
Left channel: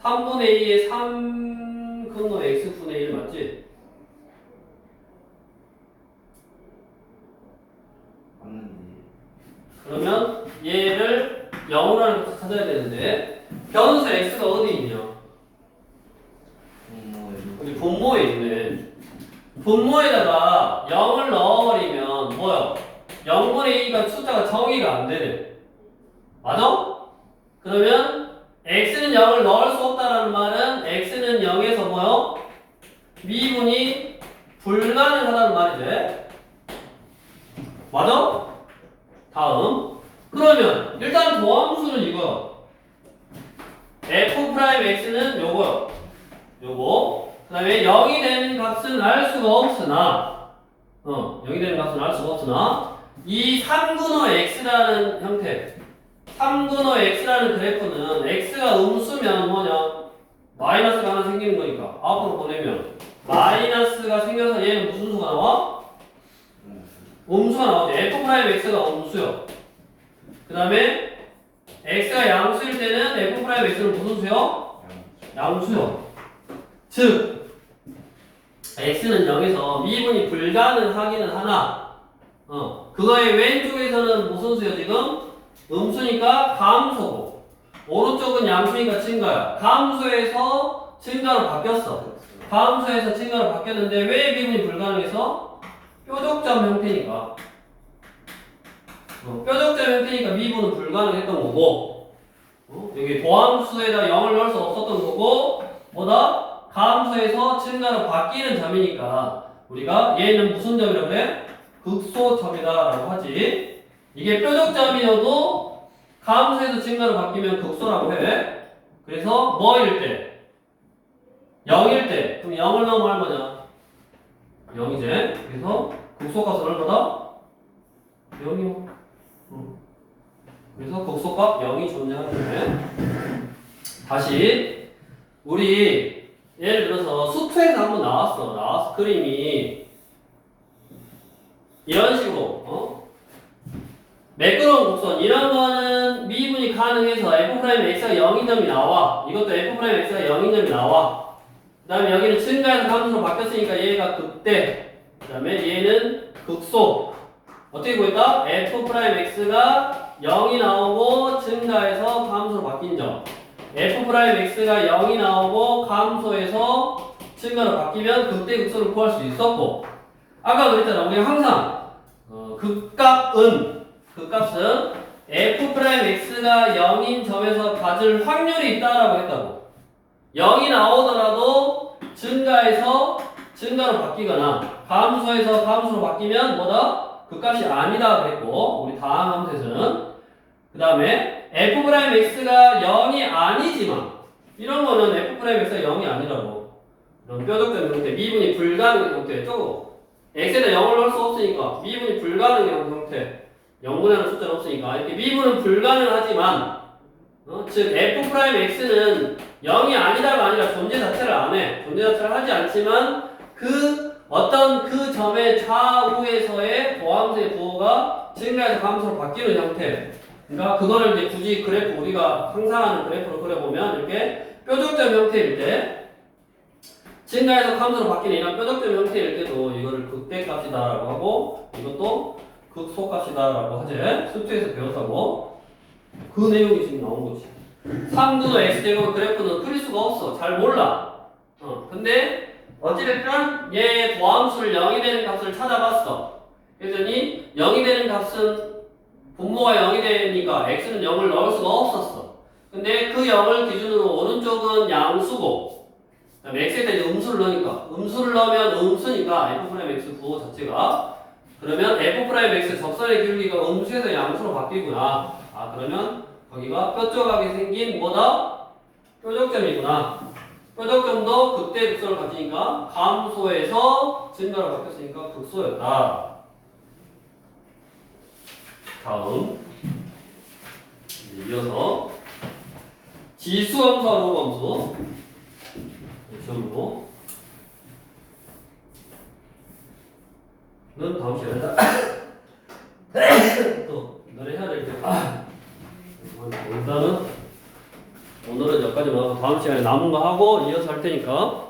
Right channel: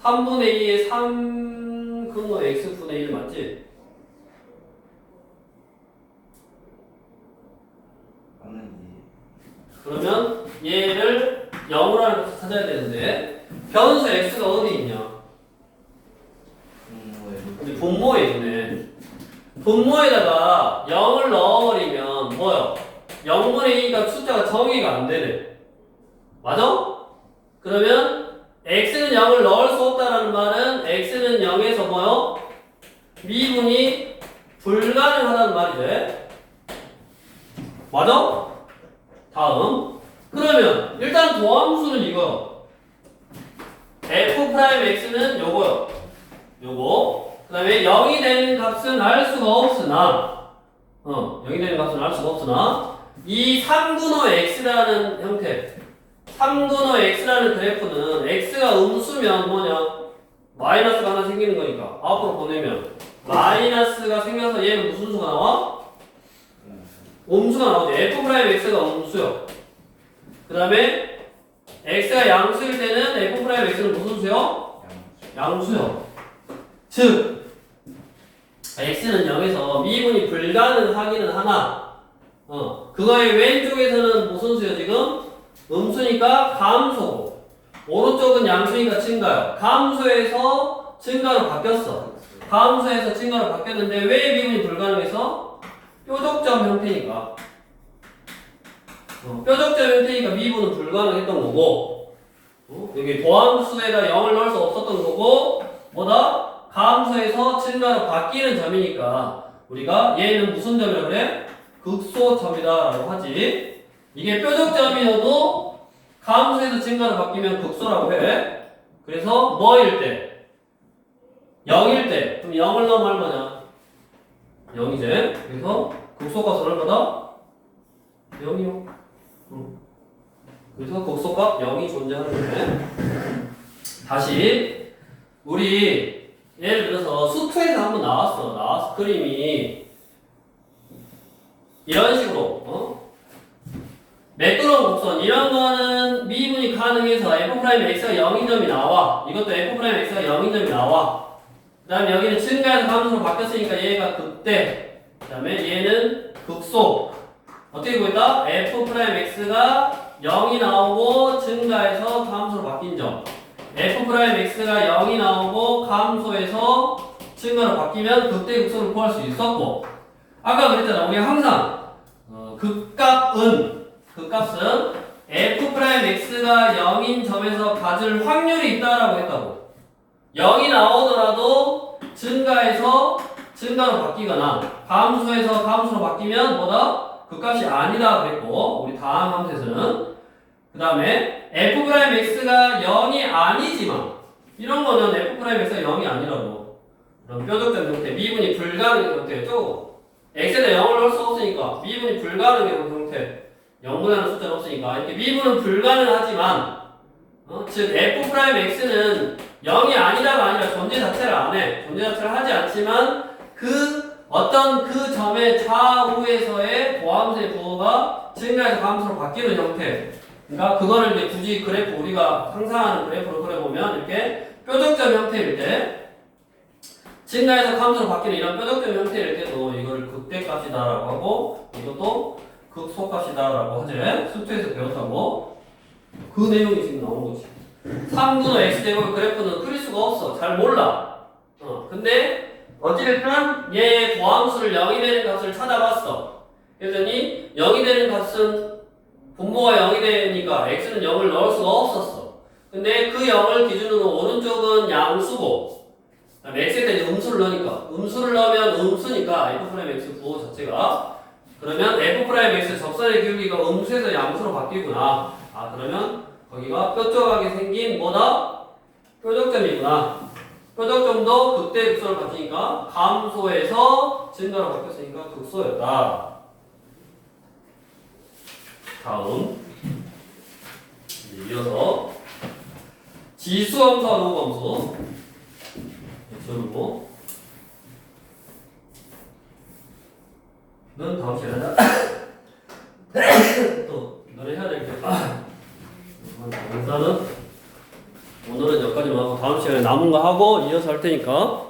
3분의 2에 3 근호 x분의 1 맞지? 맞는지. 그러면 얘를 0으로 하는 것을 찾아야 되는데 변수 x가 어디 있냐? 여기 분모에 있네. 분모에다가 0을 넣어버리면 뭐요? 0분의 2가 숫자가 정의가 안 되네. 맞아? 그러면 x는 0을 넣을 수 없다라는 말은 x는 0에서 뭐요? 미분이 불가능하다는 말이지. 맞아? 다음. 그러면 일단 도함수는 이거. f'x는 요거요. 요거. 그 다음에 0이 되는 값은 알 수가 없으나 0이 되는 값은 알 수가 없으나 이 3분의 x라는 형태 3분의 x라는 그래프는 x가 음수면 뭐냐? 마이너스가 하나 생기는 거니까 앞으로 보내면 마이너스가 생겨서 얘는 무슨 수가 나와? 음수가 나오죠. f'x가 음수요. 그 다음에 x가 양수일 때는 f'x는 무슨 수요? 양수요. 즉 x는 0에서 미분이 불가능하기는 하나 그거의 왼쪽에서는 무슨 수요 지금? 음수니까 감소고 오른쪽은 양수니까 증가요. 감소에서 증가로 바뀌었어. 감소에서 증가로 바뀌었는데 왜 미분이 불가능해서? 뾰족점 형태니까 뾰족점 형태니까 미분은 불가능했던 거고 여기 도함수에다 0을 넣을 수 없었던 거고 뭐다? 감소에서 증가로 바뀌는 점이니까 우리가 얘는 무슨 점이라고 그래? 극소점이다 라고 하지. 이게 뾰족점이어도 감소에서 증가로 바뀌면 극소라고 해. 그래서 뭐일 때? 0일 때. 그럼 0을 넣으면 얼마냐? 0이제. 그래서 극소값은 얼마다? 0이요. 그래서 극소값 0이 존재하는 거네. 다시 우리 예를 들어서 수트에서 한번 나왔어 그림이 이런 식으로 매끄러운 곡선 이런 거는 미분이 가능해서 f'x가 0인 점이 나와. 이것도 f'x가 0인 점이 나와. 그 다음에 여기는 증가해서 감소로 바뀌었으니까 얘가 극대. 그 다음에 얘는 극소. 어떻게 구했다? f'x가 0이 나오고 증가해서 감소로 바뀐 점. f'x가 0이 나오고 감소해서 증가로 바뀌면 극대 극소를 구할 수 있었고 아까 그랬잖아. 우리가 항상 극값은 f'x가 0인 점에서 가질 확률이 있다라고 했다고. 0이 나오더라도 증가해서 증가로 바뀌거나 감소해서 감소로 바뀌면 뭐다? 극값이 아니다 그랬고 우리 다음 함수에서는 그 다음에 f'x가 0이 아니지만 이런 거는 f'x가 0이 아니라고 그럼 뾰족점 형태 미분이 불가능한 형태죠. x에다 0을 넣을 수 없으니까 미분이 불가능한 형태 0분하는 숫자는 없으니까 이렇게 미분은 불가능하지만 즉 f'x는 0이 아니다가 아니라 존재 자체를 안 해. 존재 자체를 하지 않지만 어떤 그 점의 좌우에서의 도함수의 부호가 증가해서 감소로 바뀌는 형태. 그러니까 그거를 이제 굳이 그래프 우리가 상상하는 그래프를 그려보면 이렇게 뾰족점 형태일 때 증가해서 함수로 바뀌는 이런 뾰족점 형태일 때도 이거를 극대값이다라고 하고 이것도 극소값이다라고 하지. 수투에서 배웠다고. 그 내용이 지금 나온 거지. 3분의 x제곱 그래프는 그릴 수가 없어. 잘 몰라. 근데 어찌됐든 얘 도함수를 0이 되는 값을 찾아봤어. 그랬더니 0이 되는 값은 분모가 0이 되니까 x는 0을 넣을 수가 없었어. 근데 그 0을 기준으로 오른쪽은 양수고 그다음에 x에다 이제 음수를 넣으니까 음수를 넣으면 음수니까 f'x 부호 자체가 그러면 f'x 접선의 기울기가 음수에서 양수로 바뀌구나. 아 그러면 거기가 뾰족하게 생긴 뭐다? 뾰족점이구나. 뾰족점도 극대 극소를 가지니까 감소에서 증가로 바뀌었으니까 극소였다. 다음 이제 이어서 지수함수와 로함수 지우고 넌 다음 시간에 하자. 또 너네 해야 될 게. 일단은 오늘은 여기까지만 하고 다음 시간에 남은 거 하고 이어서 할 테니까